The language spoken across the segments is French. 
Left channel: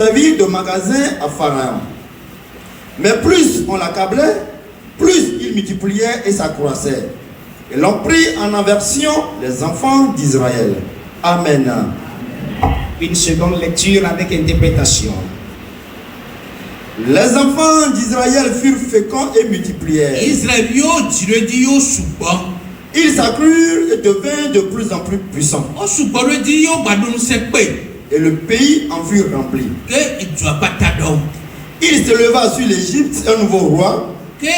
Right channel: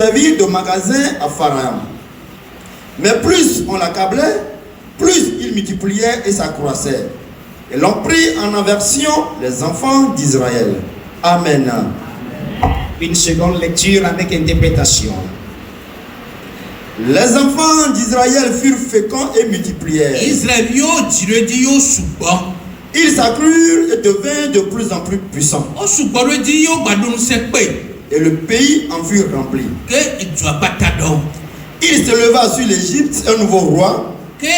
servi de magasin à Pharaon. Mais plus on l'accablait, plus il multipliait et s'accroissait. Et l'ont pris en aversion les enfants d'Israël. Amen. Une seconde lecture avec interprétation. Les enfants d'Israël furent féconds et multiplièrent. Ils s'accrurent et devinrent de plus en plus puissants. Et le pays en fut rempli. Il s'éleva sur l'Égypte un nouveau roi qui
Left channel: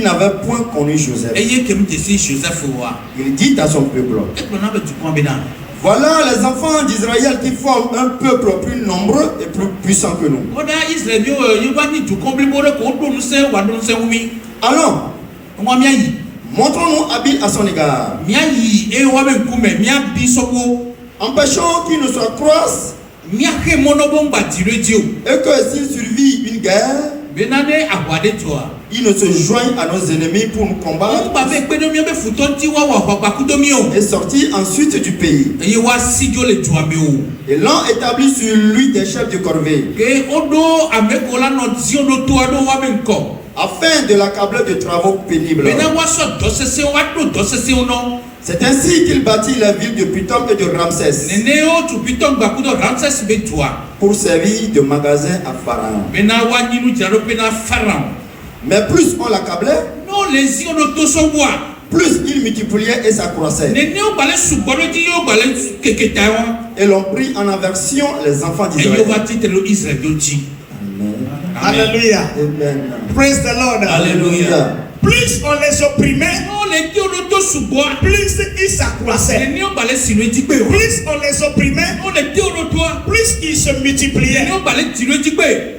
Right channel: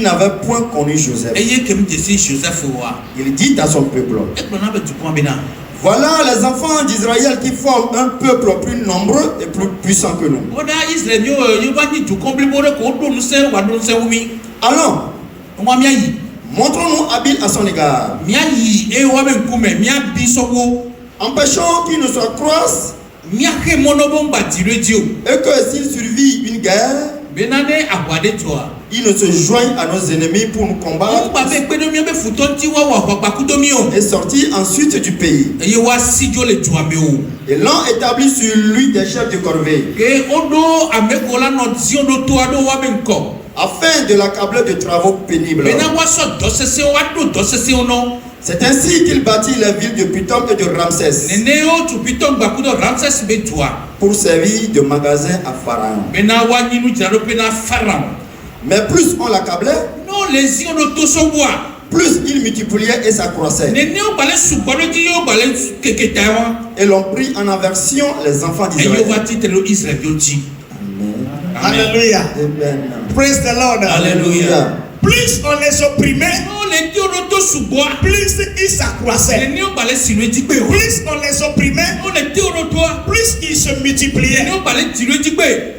n'avait point connu Joseph. Il dit à son peuple: voilà les enfants d'Israël qui forment un peuple plus nombreux et plus puissant que nous. Allons, montrons-nous habiles à son égard. Empêchons qu'il ne s'accroisse et que s'il survit une guerre, il ne se joigne à nos ennemis pour nous combattre et sortir ensuite du pays. Et l'on établit sur lui des chefs de corvée afin de l'accabler de travaux pénibles. C'est ainsi qu'il bâtit la ville de Pithom et de Ramsès pour servir de magasin à Pharaon. Mais plus on l'accablait, plus il multipliait et s'accroissait. Et l'on prit en aversion les enfants d'Israël. Alléluia. Amen. Praise the Lord. Alléluia. Plus on les opprimait, plus ils s'accroissaient. Plus on les opprimait, plus ils se multipliaient.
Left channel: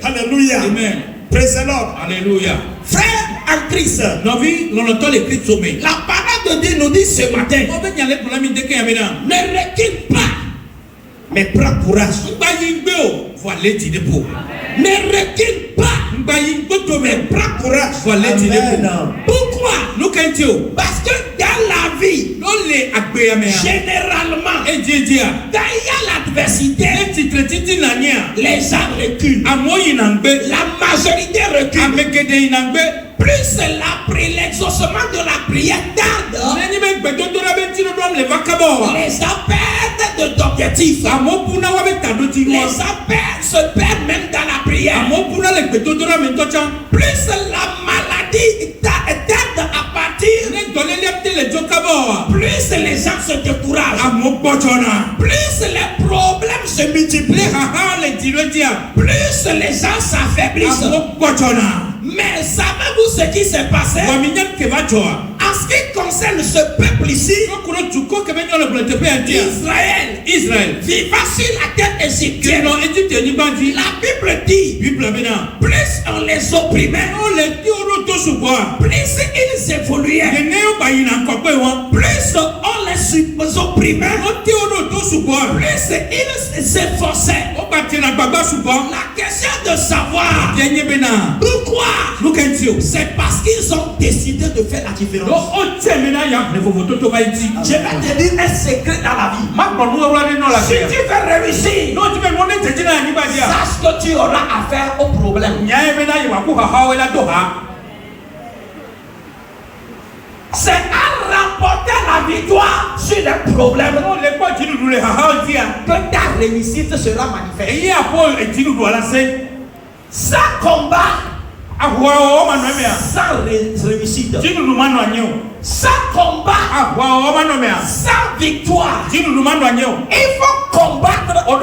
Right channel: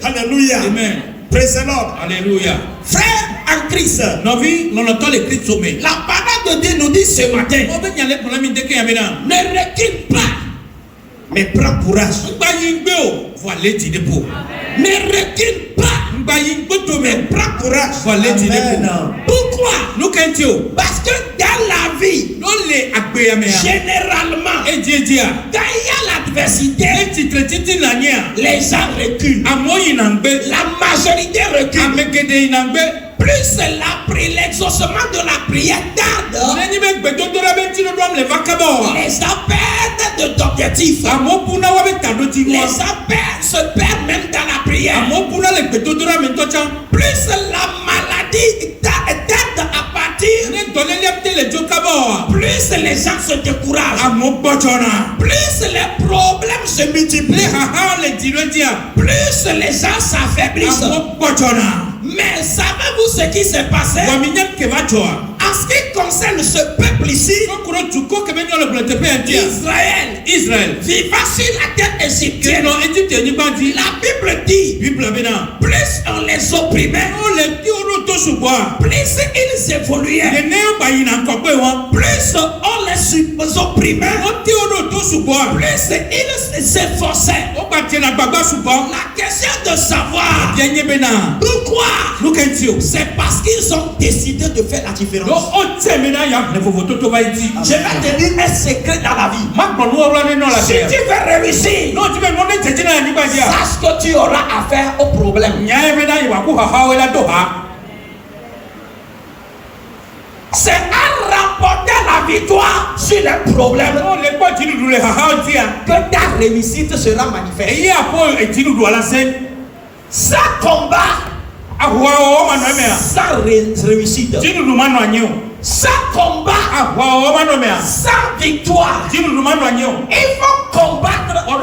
Alléluia. Amen. Praise the Lord. Alléluia. Frère en Christ, la parole de Dieu nous dit ce matin, ne recule pas, mais prends courage. Ne recule pas, mais prends courage. Pourquoi? Parce que dans la vie, généralement, quand il y a l'adversité, les gens reculent. La majorité recule. Plus l'exaucement de la prière tarde, les gens perdent d'objectifs. Les gens se perdent même dans la prière. Plus la maladie tarde à partir, plus les gens se découragent. Plus les problèmes se multiplient, plus les gens s'affaiblissent. Mais savez-vous ce qui s'est passé? En ce qui concerne ce peuple ici, Israël, vivant sur la terre égyptienne, la Bible dit, plus on les opprimait, plus ils évoluaient, plus on les opprimait, plus ils s'efforçaient. La question de savoir pourquoi, c'est parce qu'ils ont décidé de faire la différence. Je vais te dire un secret dans la vie. Si tu veux réussir, sache que tu auras affaire au problème. C'est à remporter la victoire sur les problèmes que ta réussite sera manifeste. Sans combat, sans réussite, sans combat, sans victoire, ils vont combattre pour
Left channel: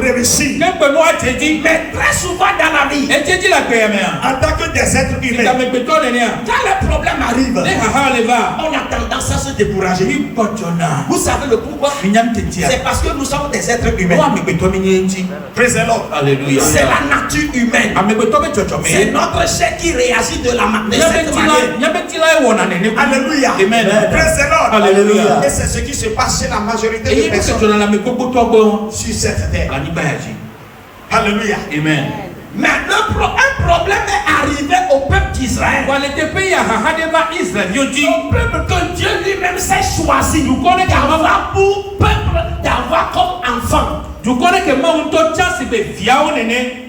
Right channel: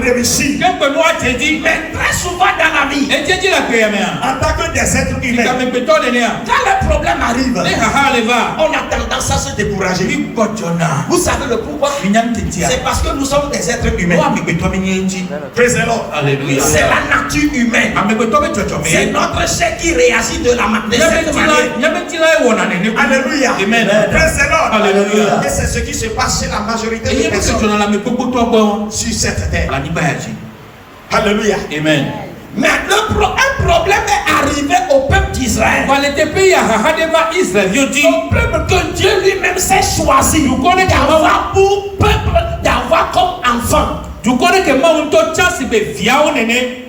réussir. Mais très souvent dans la vie, en tant que des êtres humains, quand le problème arrive, on a tendance à se décourager. Vous savez le pourquoi? C'est parce que nous sommes des êtres humains. C'est la nature humaine. C'est notre chair qui réagit de cette manière. Alléluia. Alléluia. Et c'est ce qui se passe chez la majorité des personnes sur cette terre. Alléluia. Amen. Mais un problème est arrivé au peuple d'Israël. d'Israël. Son peuple que Dieu lui-même s'est choisi d'avoir pour peuple, d'avoir comme enfant.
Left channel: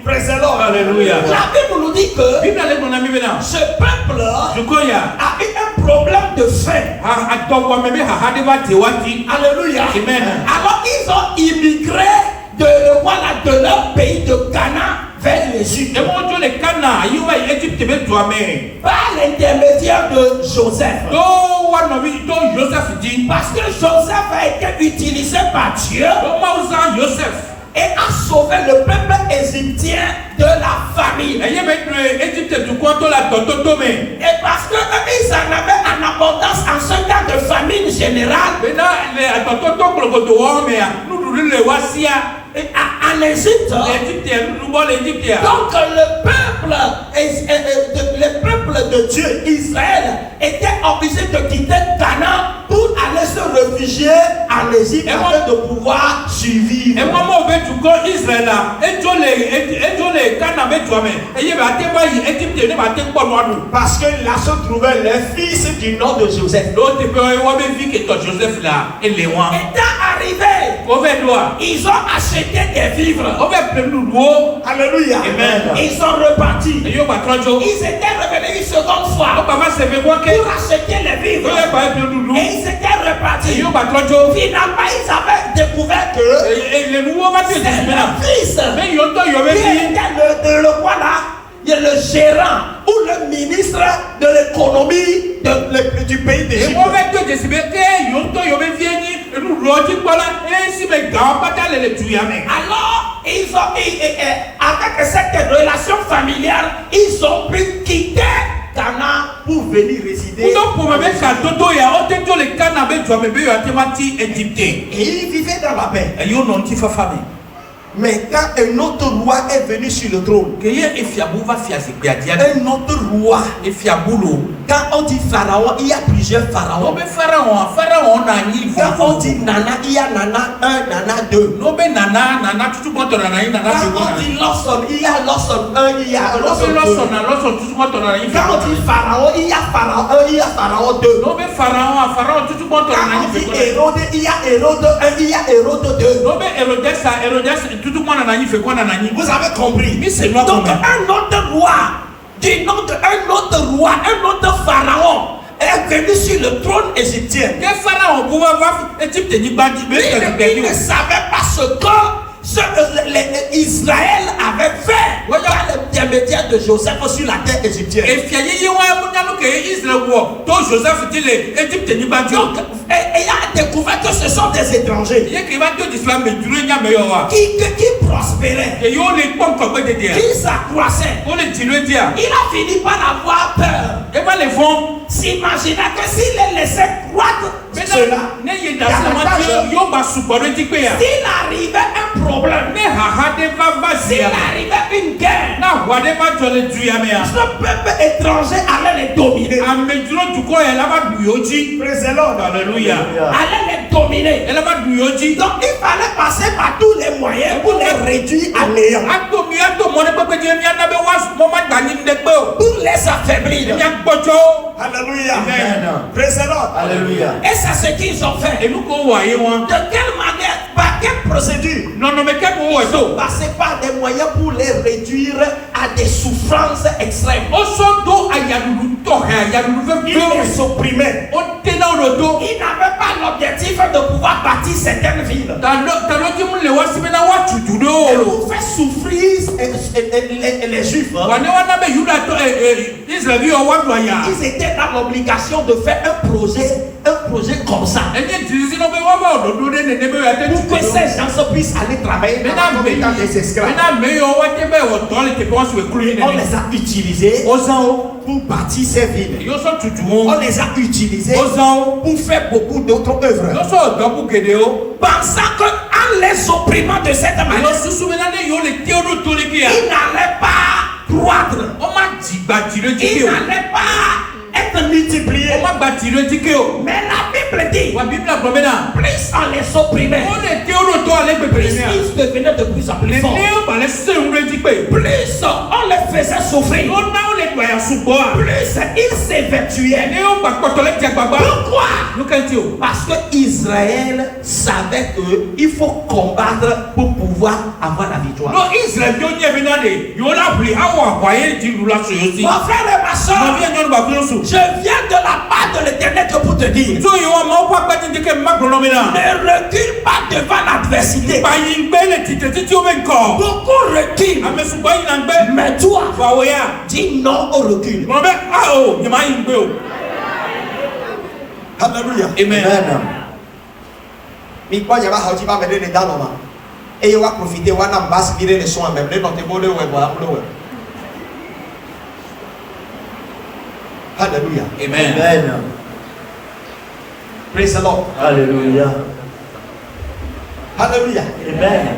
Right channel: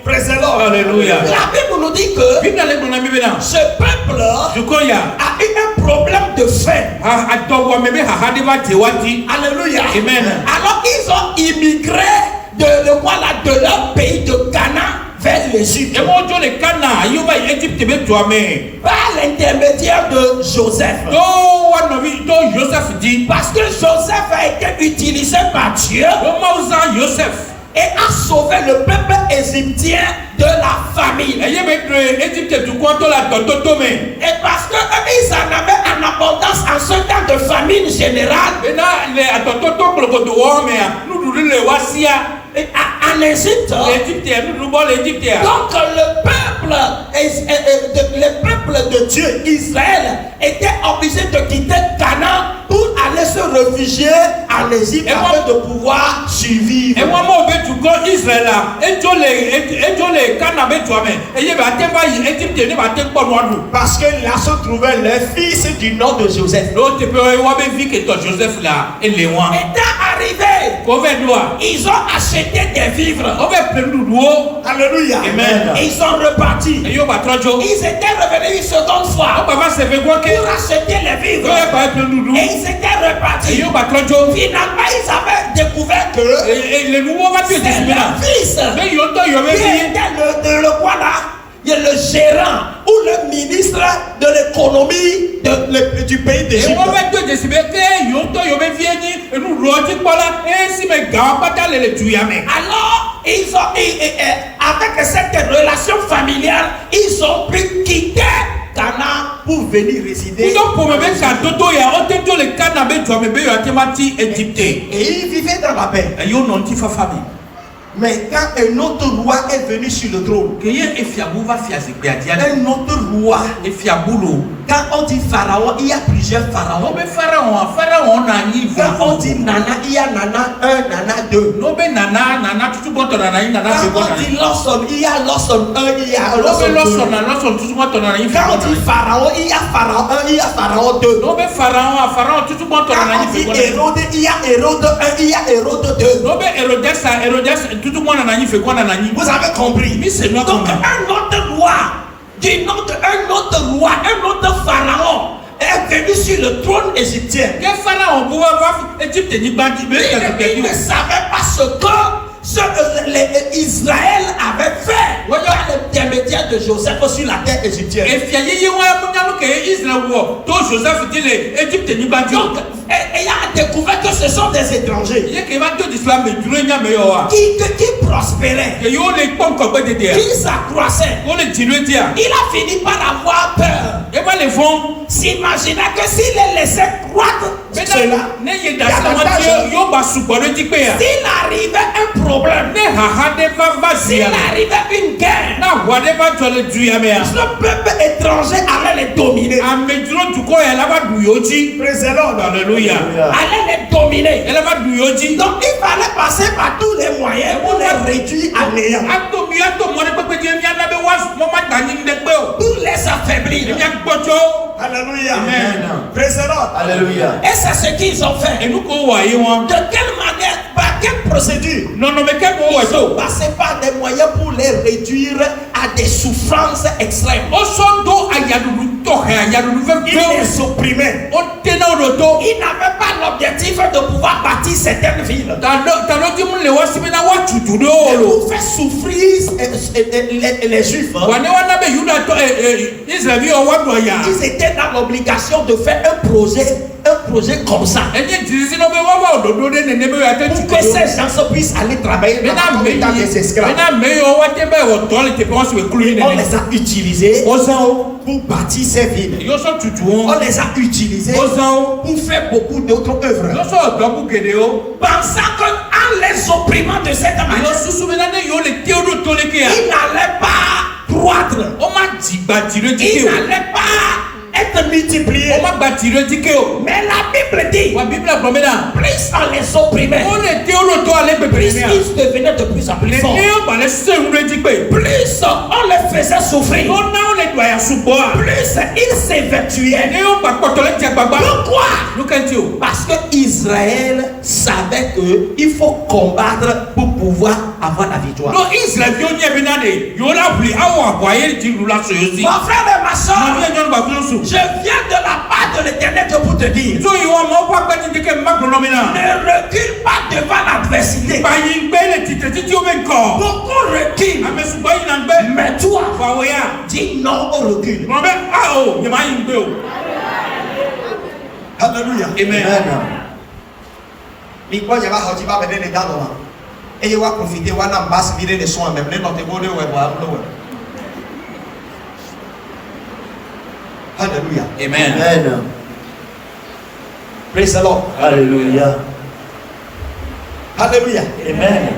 Praise the Lord. Alléluia. La Bible nous dit que ce peuple a eu un problème de faim. Alléluia. Amen. Alors ils ont immigré de leur pays de Cana vers l'Égypte. Par l'intermédiaire de Joseph. Parce que Joseph a été utilisé par Dieu et a sauvé le peuple égyptien de la famine. Et parce qu'ils en avaient en abondance en ce temps de famine générale, en Égypte, donc le peuple de Dieu, Israël, était obligé de quitter Canaan pour aller se réfugier en Égypte afin de pouvoir survivre. Parce que là se trouvaient les fils du nom de Joseph. Étant arrivés, ils ont acheté des vivres. Alléluia. Amen. Ils sont repartis. Ils étaient revenus une seconde fois pour acheter les vivres. Et ils étaient repartis. Finalement, ils avaient découvert que c'est leur fils qui était le gérant ou le ministre de l'économie du pays d'Égypte. Alors, avec cette relation familiale, ils ont pu quitter Canaan pour venir résider. Et ils vivaient dans la paix. Mais quand un autre roi est venu sur le trône, un autre roi, quand on dit pharaon, il y a plusieurs pharaons. Quand on dit nana, il y a nana 1, nana 2. Quand on dit Lawson, il y a Lawson 1, il y a Lawson 2. Quand on dit pharaon, il y a pharaon 1, il y a pharaon 2. Quand on dit Hérode, il y a Hérode 1, il y a Hérode 2. Vous avez compris. Donc un autre roi, un autre pharaon est venu sur le trône égyptien. Il ne savait pas ce que Israël avait fait par l'intermédiaire de Joseph sur la terre égyptienne. Donc, il a découvert que ce sont des étrangers qui prospéraient, qui s'accroissaient. Il a fini par avoir peur. S'imagina que s'il les laissait croître, s'il arrivait un problème, s'il arrivait une guerre, ce peuple étranger allait les dominer. Praise the Lord. Alléluia. Allait les dominer. Donc il fallait passer par tous les moyens pour les réduire à néant, pour les affaiblir. Alléluia. Amen. Praise the Lord. Alléluia. Et c'est ce qu'ils ont fait. De quelle manière, par quelle procédure? Ils ont passé par des moyens pour les réduire à des souffrances extrêmes. Ils les opprimaient. Ils n'avaient pas l'objectif de pouvoir bâtir certaines villes. Pour faire souffrir les Juifs. Ils étaient dans l'obligation de faire un projet comme ça. Pour que ces gens puissent aller travailler dans des esclaves. On les a utilisés pour bâtir ces villes. On les a utilisés pour faire beaucoup d'autres œuvres. Pensant qu'en les opprimant de cette manière, ils n'allaient pas croître. Ils n'allaient pas être multipliés. Mais la Bible dit, plus on les opprimait, plus ils devenaient de plus en plus forts. Plus on les faisait souffrir, il s'évertuait. Pourquoi? Parce que Israël savait qu'il faut combattre pour pouvoir avoir la victoire. Mon frère et ma soeur, je viens de la part de l'Éternel pour te dire, ne recule pas devant l'adversité. Beaucoup reculent, mais toi, dis non au recul. Alléluia. Amen. Mais quoi, il y a pas de mal les dents là. Et il va profiter, on a basse virer les soins même. Les notes de Alléluia. Amen. Praise the Lord. Alléluia. Alléluia. Amen.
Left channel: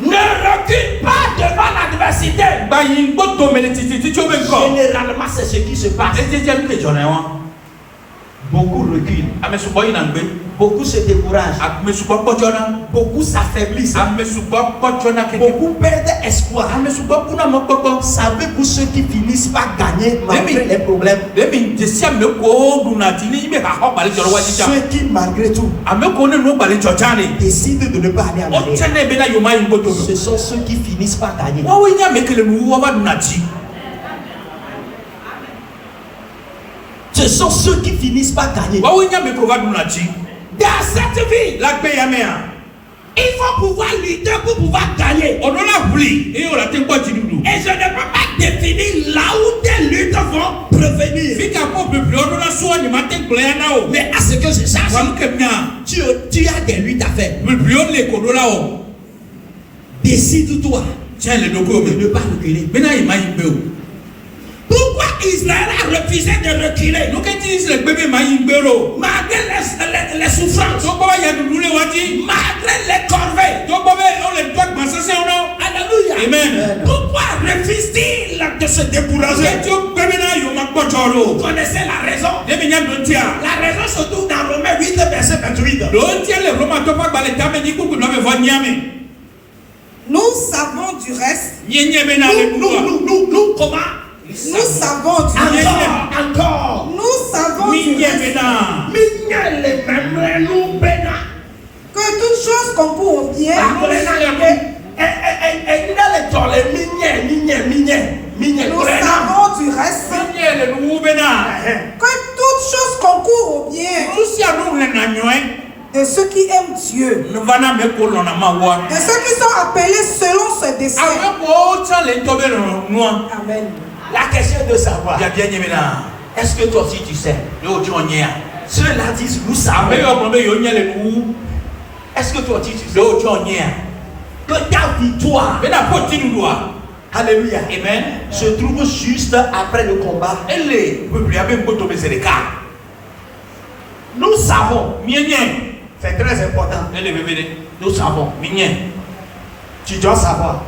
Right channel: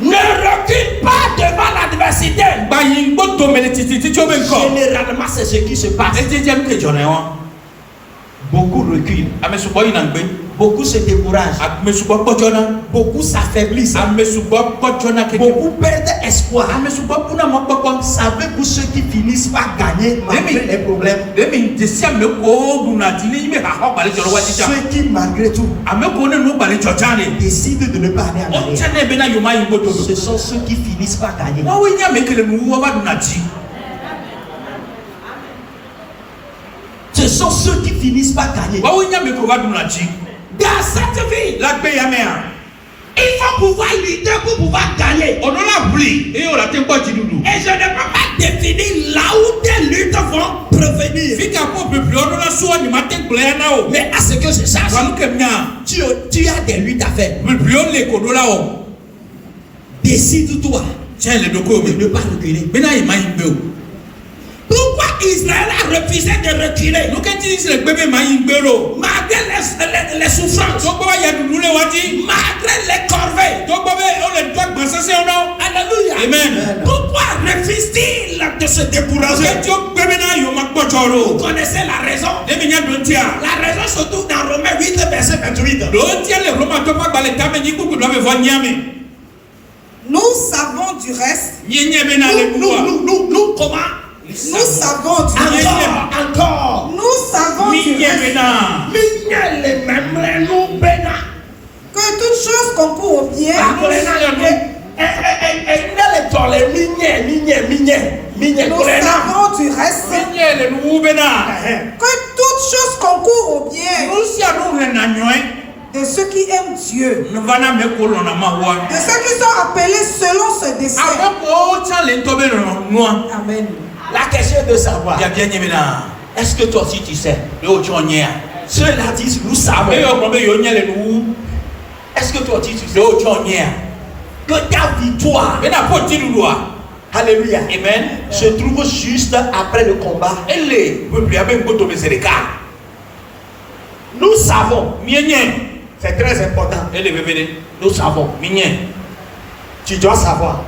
Ne recule pas devant l'adversité. Généralement, c'est ce qui se passe. Beaucoup reculent. Beaucoup se découragent. Beaucoup s'affaiblissent. Beaucoup perdent espoir. Savez pour ceux qui finissent par gagner malgré les problèmes. Ceux qui malgré tout décident de ne pas aller en arrière. Ce sont ceux qui finissent par gagner. Ce sont ceux qui finissent par gagner. Dans cette vie, il faut pouvoir lutter pour pouvoir gagner. Et je ne peux pas définir là où tes luttes vont prévenir. Mais à ce que je sache, tu as des luttes à faire. Décide-toi de ne pas reculer. Pourquoi Israël a refusé de reculer? Malgré les souffrances, malgré les corvées. Alléluia. Amen. Pourquoi refuse-t-il de se décourager? Vous connaissez la raison? La raison se trouve dans Romains 8, verset 28. Nous savons du reste. Nous comment? Nous savons du reste. Encore. Nous savons du reste. Que toute chose concourt au bien. Nous savons du reste. Que toute chose concourt au bien. De ceux qui aiment Dieu. De ceux qui sont appelés selon ses desseins. Amen. La question est de savoir. Est-ce que toi aussi tu sais? Ceux-là disent nous savons. Est-ce que toi aussi tu sais? Que ta victoire, alléluia, amen, se trouve juste après le combat. Nous savons. C'est très important. Nous savons. Tu dois savoir.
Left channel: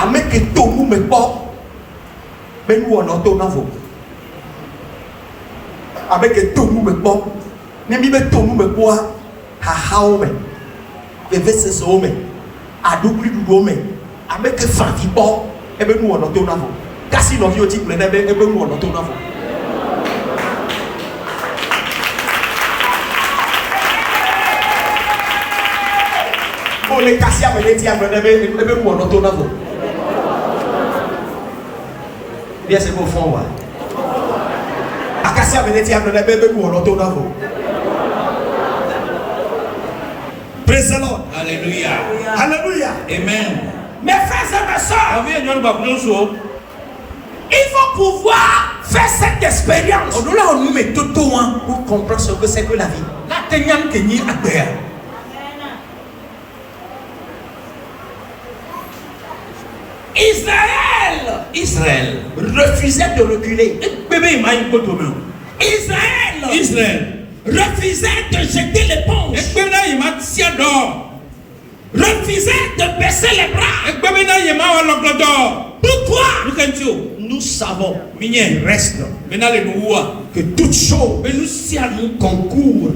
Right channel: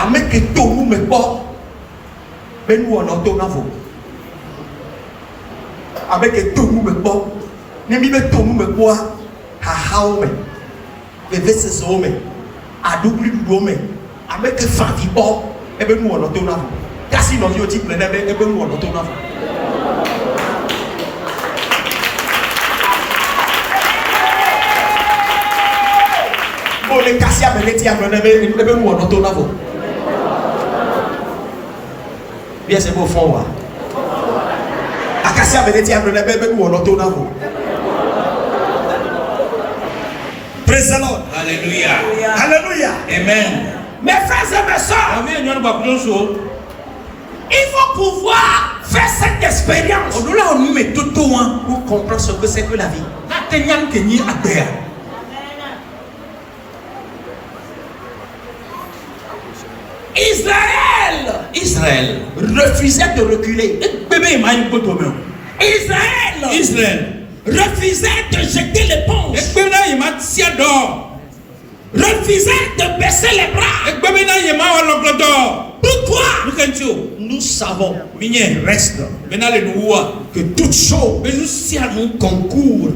Avec que tout le monde me porte, mais nous on entend vous. Avec que tout le monde me porte, nous me tout le monde me porte, à Haome, et Vesses Home, à double Home, avec que Fanti porte, et bien nous on entend vous. Car si l'on dit que et bien nous on entend vous. Pour les casser avec les tiens, et bien nous on entend vous. Bien, c'est pour fond. Akassia Venetia, le bébé ou l'auto d'avant. Praise the Lord. Alléluia. Alléluia. Amen. Mes frères et mes soeurs, il faut pouvoir faire cette expérience pour comprendre ce que c'est que la vie. Israël refusait de reculer. Israël refusait de jeter l'éponge. refusait de baisser les bras. Pourquoi? Nous savons, il reste que toute chose concourt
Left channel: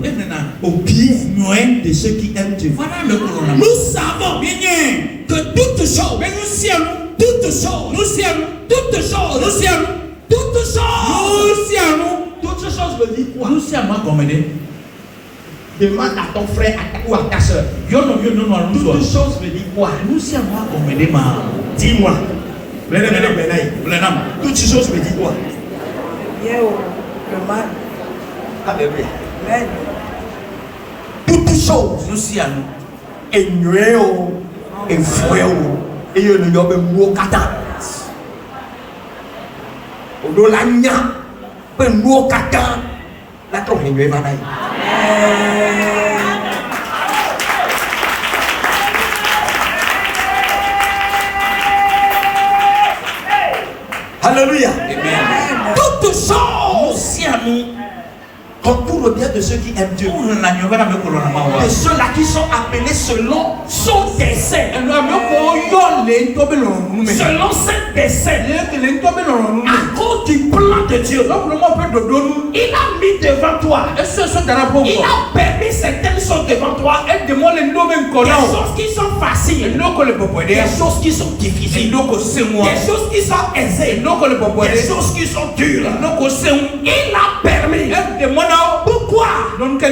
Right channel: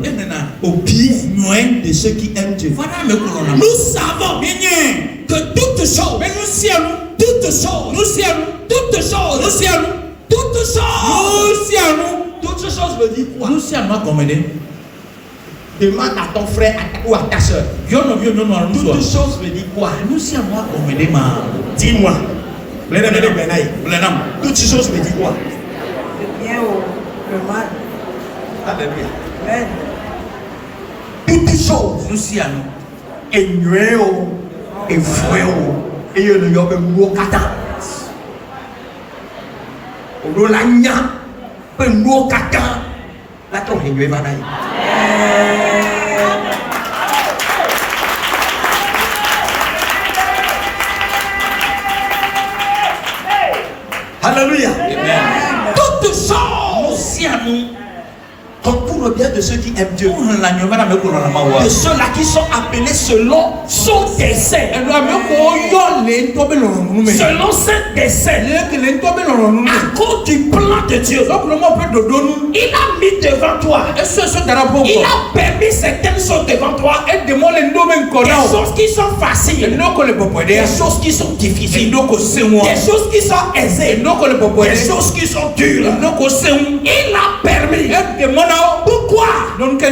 au bien de ceux qui aiment Dieu. Nous savons que toute chose veut dire quoi? Demande à ton frère ou à ta soeur. Toute chose veut dire quoi? Dis-moi. Toute chose veut dire quoi? Bien au le mal. Alléluia. Amen. Toute chose. Et nous et frère et nous y a un mot kata. On la nya. Un mot kata. La qu'on est va là. Alléluia. Amen. Toutes choses concourent au bien de ceux qui aiment Dieu. De ceux-là qui sont appelés selon son dessein. Selon ce dessein. À cause du plan de Dieu. Il a mis devant toi. Il a permis certaines choses devant toi. Des choses qui sont faciles. Des choses qui sont difficiles. Des choses qui sont aisées. Des choses qui sont dures. Il a permis. Pourquoi? Pour que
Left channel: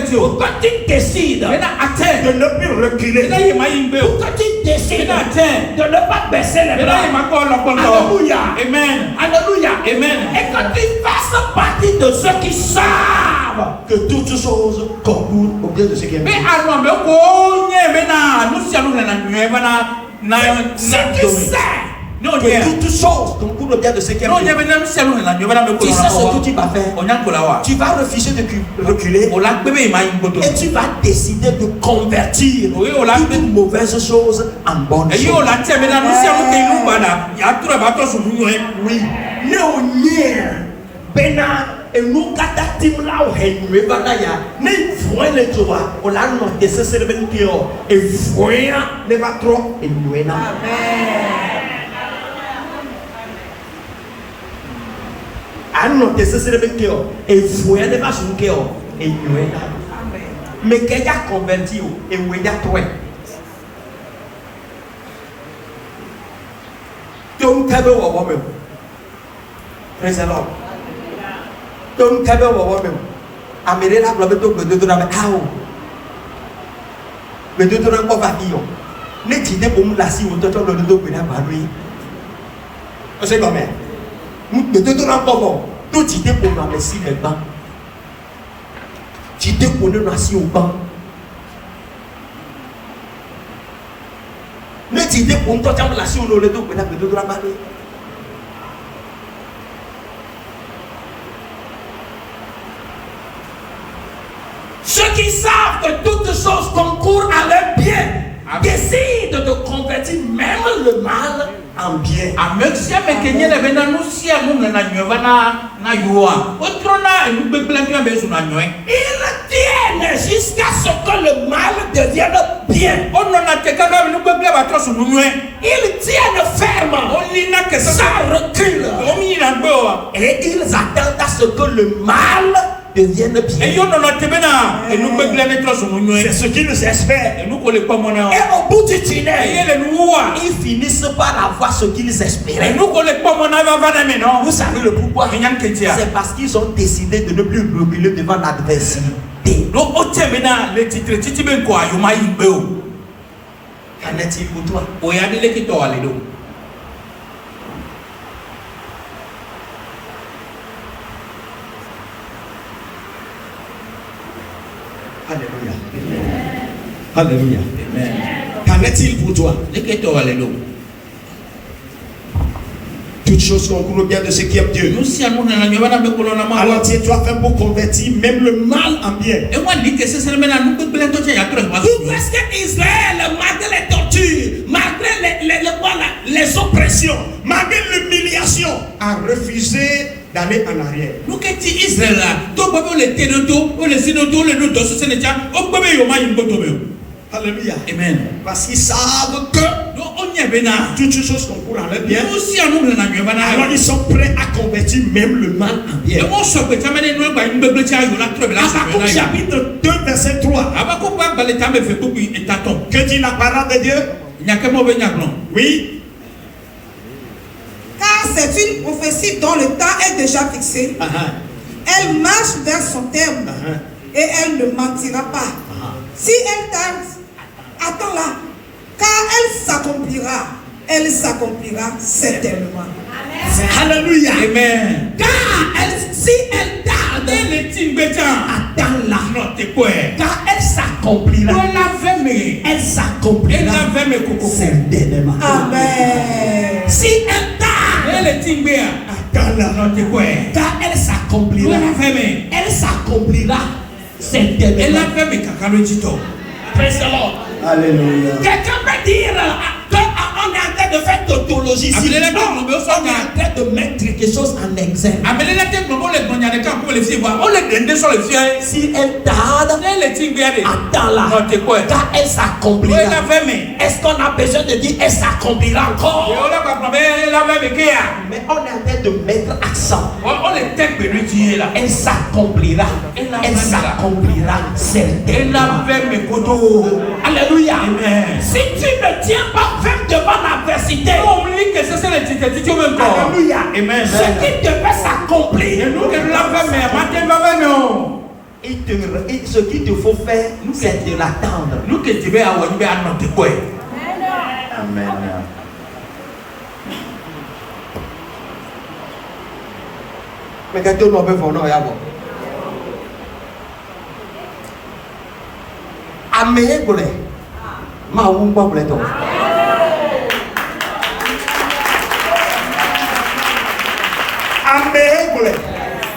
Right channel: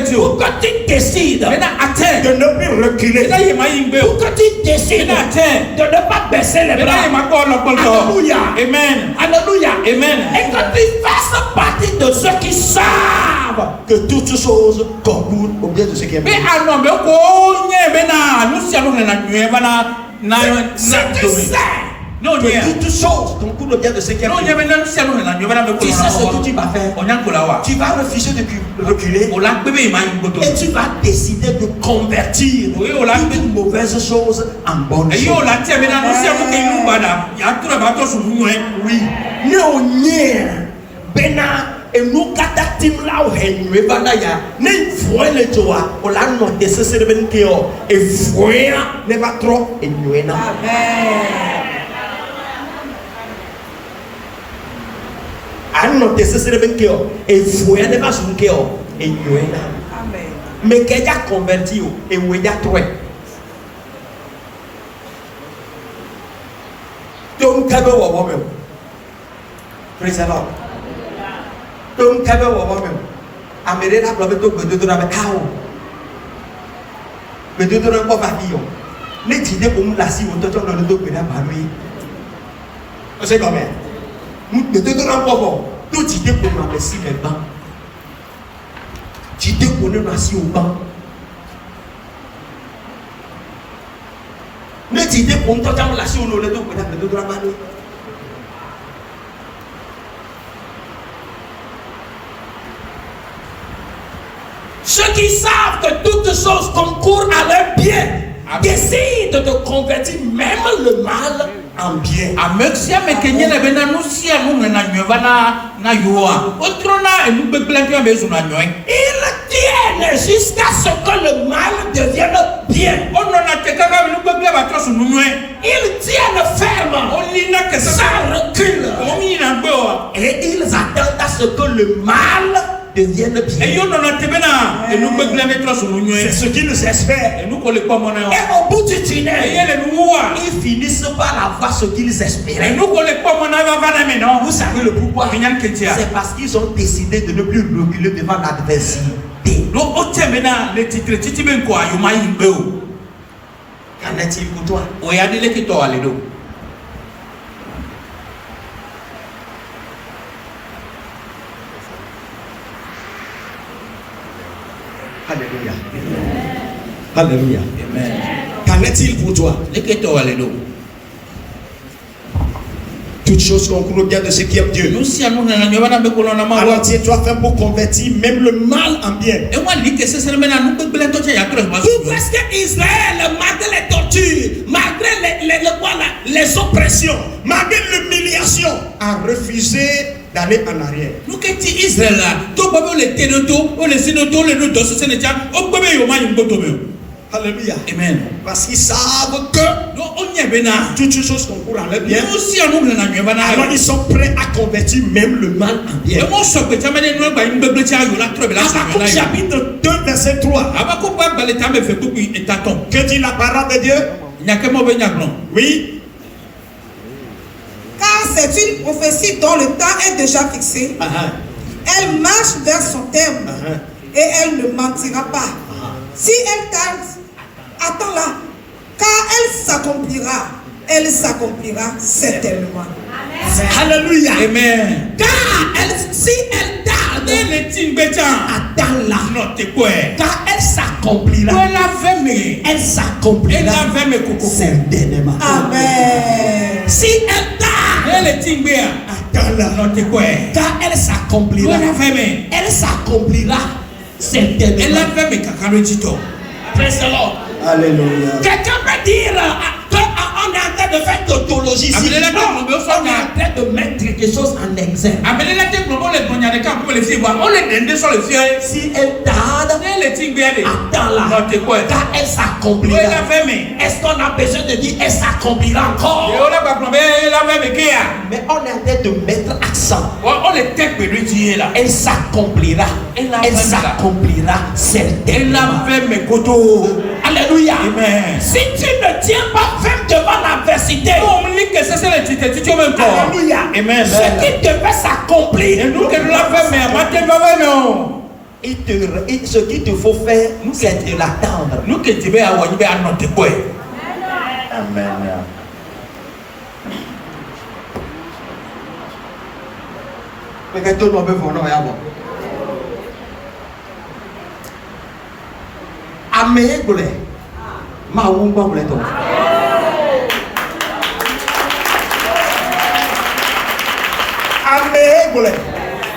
tu décides de ne plus reculer. Pour que tu décides de ne pas baisser les bras. Alléluia. Amen. Alléluia. Amen. Et que tu fasses partie de ceux qui savent que toutes choses concourent au bien de ceux qui aiment. Non, toutes choses concourent au bien de ceux qui aiment. Tu sais ce que tu vas faire. Tu vas refuser de reculer. Et tu vas décider de convertir toute mauvaise chose en bonne chose. Oui. Mais on y est. Et nous, katatim là, on est nué, banaya. Ne voyez le toit. On l'a noté, c'est ce que et voyez, ne va trop, et nué. Amen. Anno te sesere bekeo e fuya ne ba sunkeo e nyoena. Amen. Me que ya converti e we ya twe. Don't tell me what woman. Praise the Lord. Don't tell me what woman. Amere la globe to gbedo na be tawo. Gbedo to na ko ba ti yo. Ne ti de bo mu la si wo to to lo do gbe na ba lui. O se go me. Nous te donnons encore. Tout tu t'es pour nous si mes bancs. Tu t'es pour nous assis au banc. Mais tu t'es pour nous assis au banc. Ceux qui savent que toutes choses concourent à leur bien décident de convertir même le mal en bien. Ils tiennent jusqu'à ce que le mal devienne bien. Ils tiennent ferme sans recul. Et ils attendent à ce que le mal devienne bien. C'est ce qu'ils espèrent. Et au bout du tunnel, ils finissent par avoir ce qu'ils espéraient. Vous savez le pourquoi? C'est parce qu'ils ont décidé de ne plus reculer devant l'adversité. Qu'en est-il pour toi? Alléluia. Alléluia. Qu'en est-il pour toi? Toutes choses concourent bien de ce qui aime Dieu. Alors tiens-toi fait pour convertir même le mal en bien. Tout parce que Israël, malgré les tortures, malgré les oppressions, malgré l'humiliation, a refusé d'aller en arrière. Alléluia. Amen. Parce qu'ils savent que toutes ces choses concourent à leur bien. Alors ils sont prêts à convertir même le mal en bien. Habakkuk chapitre 2 verset 3. Que dit la parole de Dieu? Oui. Car c'est une prophétie dont le temps est déjà fixé. Elle marche vers son terme et elle ne mentira pas. Si elle tarde, attends-la, car elle s'accomplira certainement. Alléluia. Amen. Car si elle tarde, attends-la. Car elle s'accomplira. Elle s'accomplira certainement. Amen. Si elle tarde, attends-la. Car elle s'accomplira. Elle s'accomplira certainement. Praise the Lord. Alléluia. Quelqu'un peut dire qu'on est en train de faire tautologie ici. Non, on est en train de mettre quelque chose en exergue. Si elle tarde, attends-la. Car elle s'accomplira. Est-ce qu'on a besoin de dire elle s'accomplira encore? Mais on est en train de mettre accent. Elle s'accomplira. Elle s'accomplira certainement. Alléluia. Amen. Si tu ne tiens pas ferme devant l'adversité, alléluia. Amen. Ce qui devait s'accomplir, ce qu'il te faut faire, c'est de l'attendre. Amen. Ameye gole, ma wumba gole to. Ameye gole,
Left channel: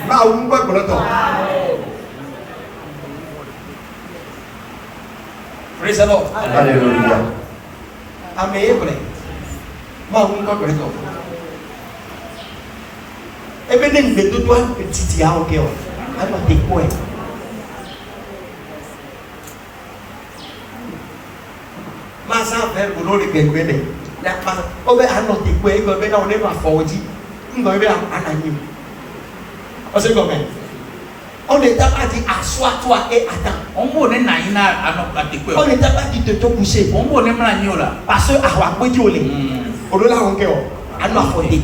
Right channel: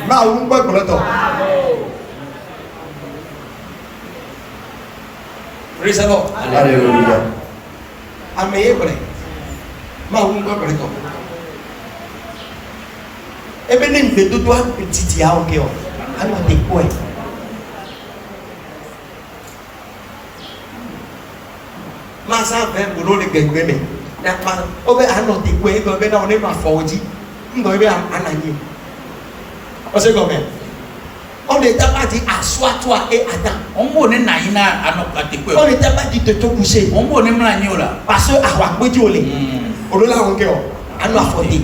ma wumba gole to. Praise the Lord. Alléluia. Ameye gole, ma wumba gole to. Ebe ne mbedo do petiti ya oke o, ano de kwe. Masa fẹ́ bolo de gbẹgbẹ mi n'akpa ọbẹ anọ ti kọ ebe ọbẹ náà ọdẹ ma fọ ọdí ńgọ ebe ananyi ọsẹ gọmẹ ọdẹ daba di aso ato a e ata ọdẹ daba di toto kuse parce àwọn agbẹjọ olè ọdọ náà wọn kẹ ọ anọ afọdé.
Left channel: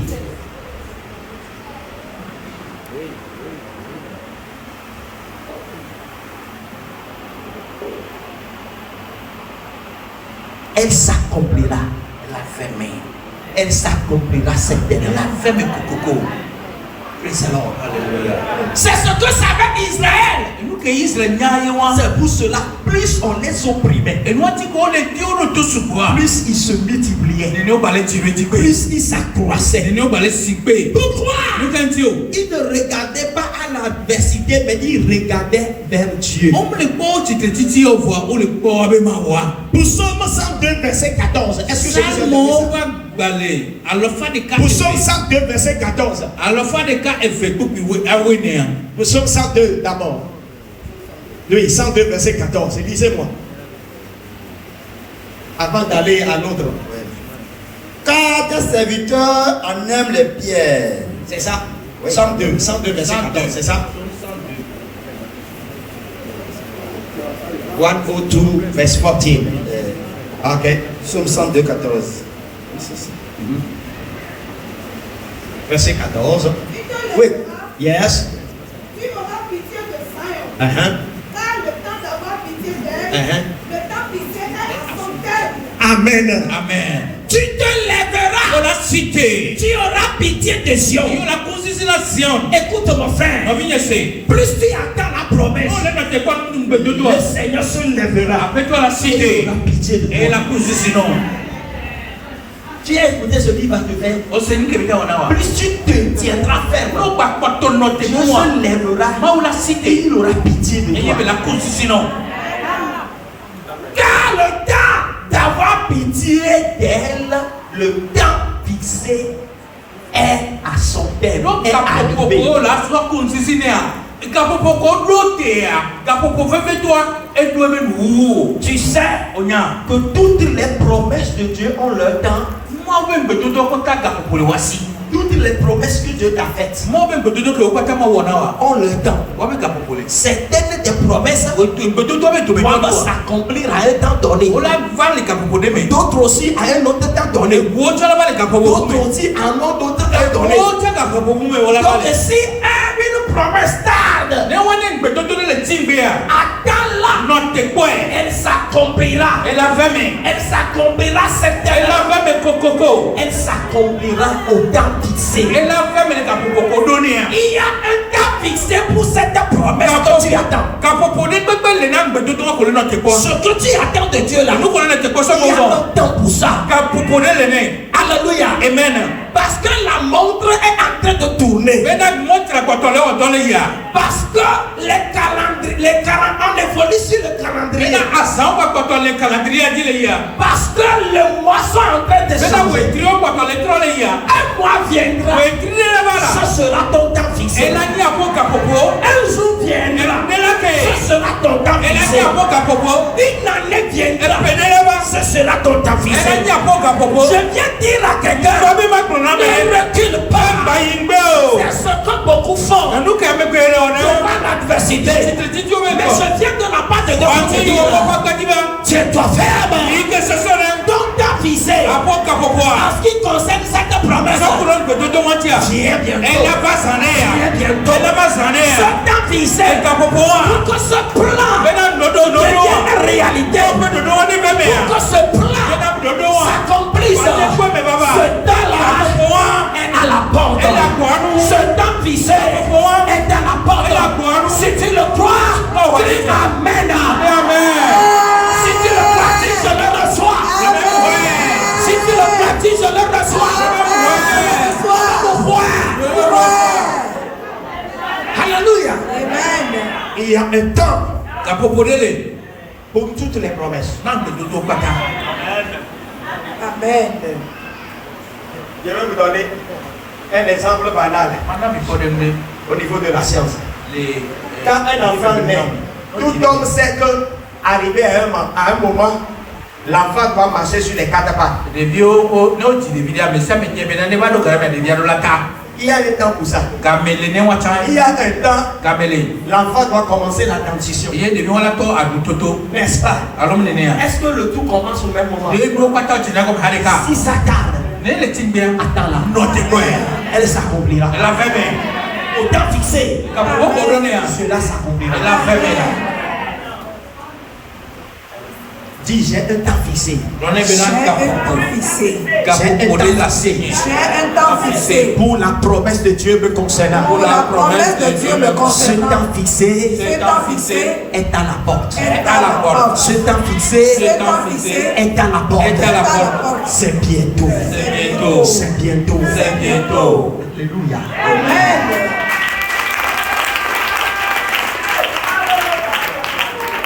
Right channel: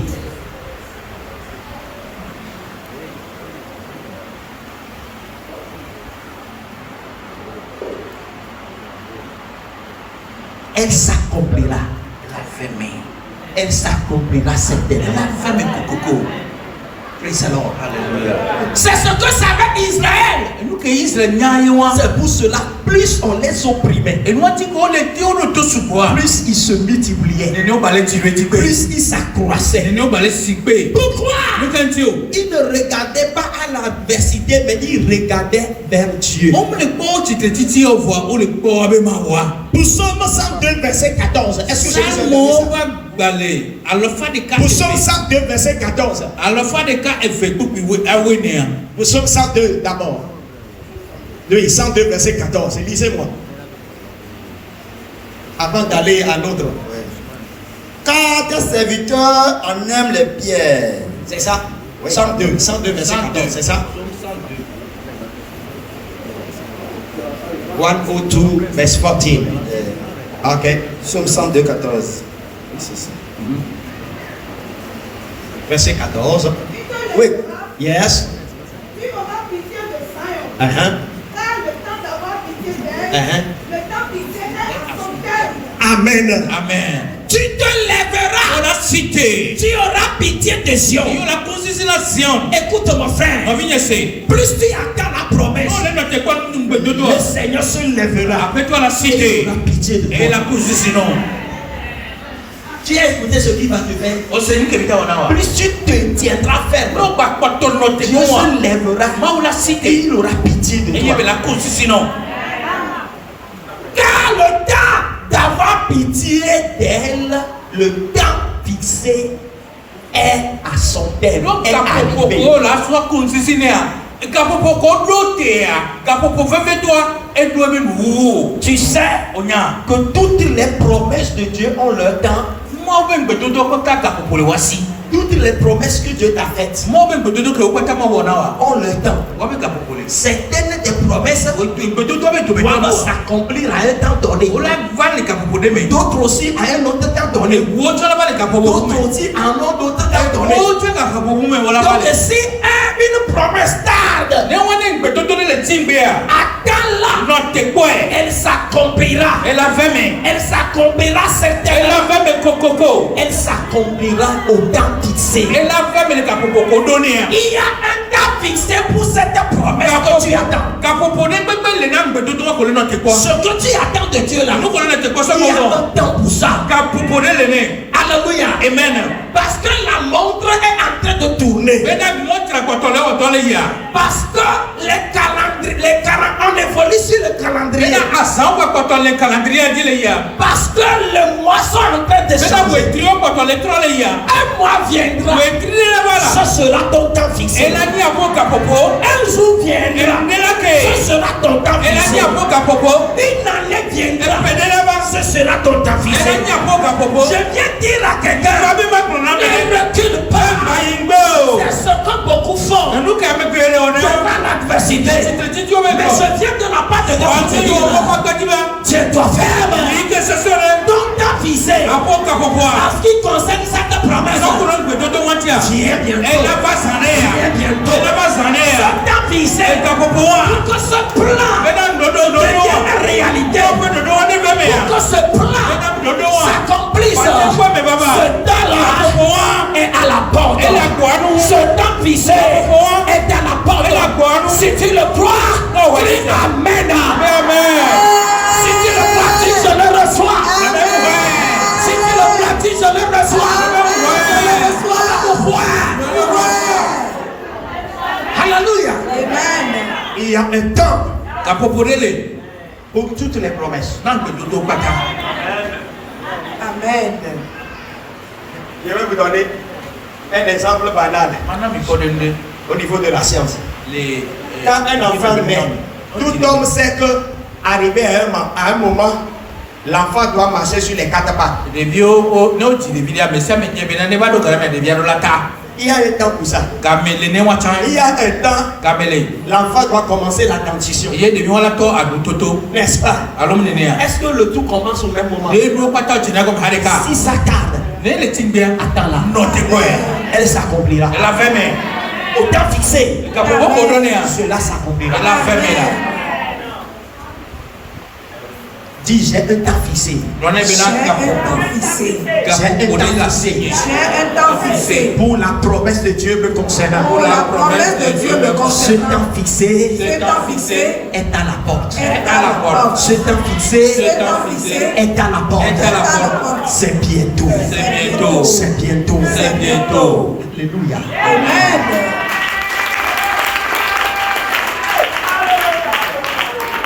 Elle s'accomplira. Elle s'accomplira certainement. Praise the Lord. Alléluia. C'est ce que savait Israël. C'est pour cela, plus on les opprimait, plus ils se multipliaient, plus ils s'accroissaient. Pourquoi? Ils ne regardaient pas à l'adversité, mais ils regardaient vers Dieu. Psaume 102 verset 14. Est-ce que Psaume 102 verset 14. Psaume 102 d'abord. Oui, 102 verset 14. Lisez-moi. Avant d'aller à l'autre. Car tes serviteurs en aiment les pierres. C'est ça. 102 verset 14, c'est ça. 102 verse 14. Ok. Psaume 102, 14. Verset 14. Oui. Yes. Tu auras pitié de Sion. Uh-huh. Car le temps d'avoir pitié d'elle, le temps pitié d'elle à son terme. Amen. Amen. Tu te lèveras. Tu auras pitié de Sion. Écoute mon frère. Plus tu attends la promesse, le Seigneur se lèvera. Après toi la cité Et il aura pitié de toi. et la position. Tu as écouté ce qu'il va te faire. Plus tu te tiendras ferme, Dieu se lèvera et il aura pitié de toi. Car le temps d'avoir pitié d'elle, le temps fixé est à son terme, est arrivé. Tu sais que toutes les promesses de Dieu ont leur temps. Toutes les promesses que Dieu t'a faites ont leur temps. Certaines des promesses doivent s'accomplir à un temps donné. D'autres aussi à un autre temps donné. D'autres aussi à un autre temps donné. Donc si une promesse tarde, attends-la, elle s'accomplira. Elle s'accomplira certainement. Elle s'accomplira au temps fixé. Il y a un temps fixé pour cette promesse que tu attends. Ce que tu attends de Dieu là, il y a un temps pour ça. Alléluia. Amen. Parce que la montre est en train de tourner. Parce que on évolue sur le calendrier. Parce que le mois sont en train de changer. Un mois viendra. Ce sera ton temps fixé. Un jour viendra. Ce sera ton temps fixé. Une année viendra. Ce sera ton temps fixé. Je viens dire à quelqu'un, ne recule pas. C'est ce que beaucoup font devant l'adversité. Mais je viens de la part de Dieu. Tiens-toi ferme. Donc t'as visé. En ce qui concerne cette promesse, viens bientôt. T'as visé pour que ce plan devienne réalité. Pour que ce plan s'accomplisse. Ce temps-là est à la porte. Ce temps visé est à la porte. Si tu le crois, dis Amen. Si tu le pratiques, je le reçois. Si tu le pratiques, je le reçois. Alléluia. Amen. Il y a un temps pour toutes les promesses. Amen. Je vais vous donner un exemple banal au niveau de la science. Quand un enfant naît, tout homme sait que arrivé à un moment, l'enfant doit marcher sur les quatre pattes. Il y a un temps pour ça. Il y a un temps, l'enfant doit commencer la dentition. N'est-ce pas? Est-ce que le tout commence au même moment? Si ça tarde, attends-la. Elle s'accomplira. Au temps fixé, cela s'accomplira. Dis, j'ai un temps fixé. Pour la promesse de Dieu me concernant. Ce temps fixé est à la porte. Ce temps fixé est à la porte. C'est bientôt. C'est bientôt. Alléluia.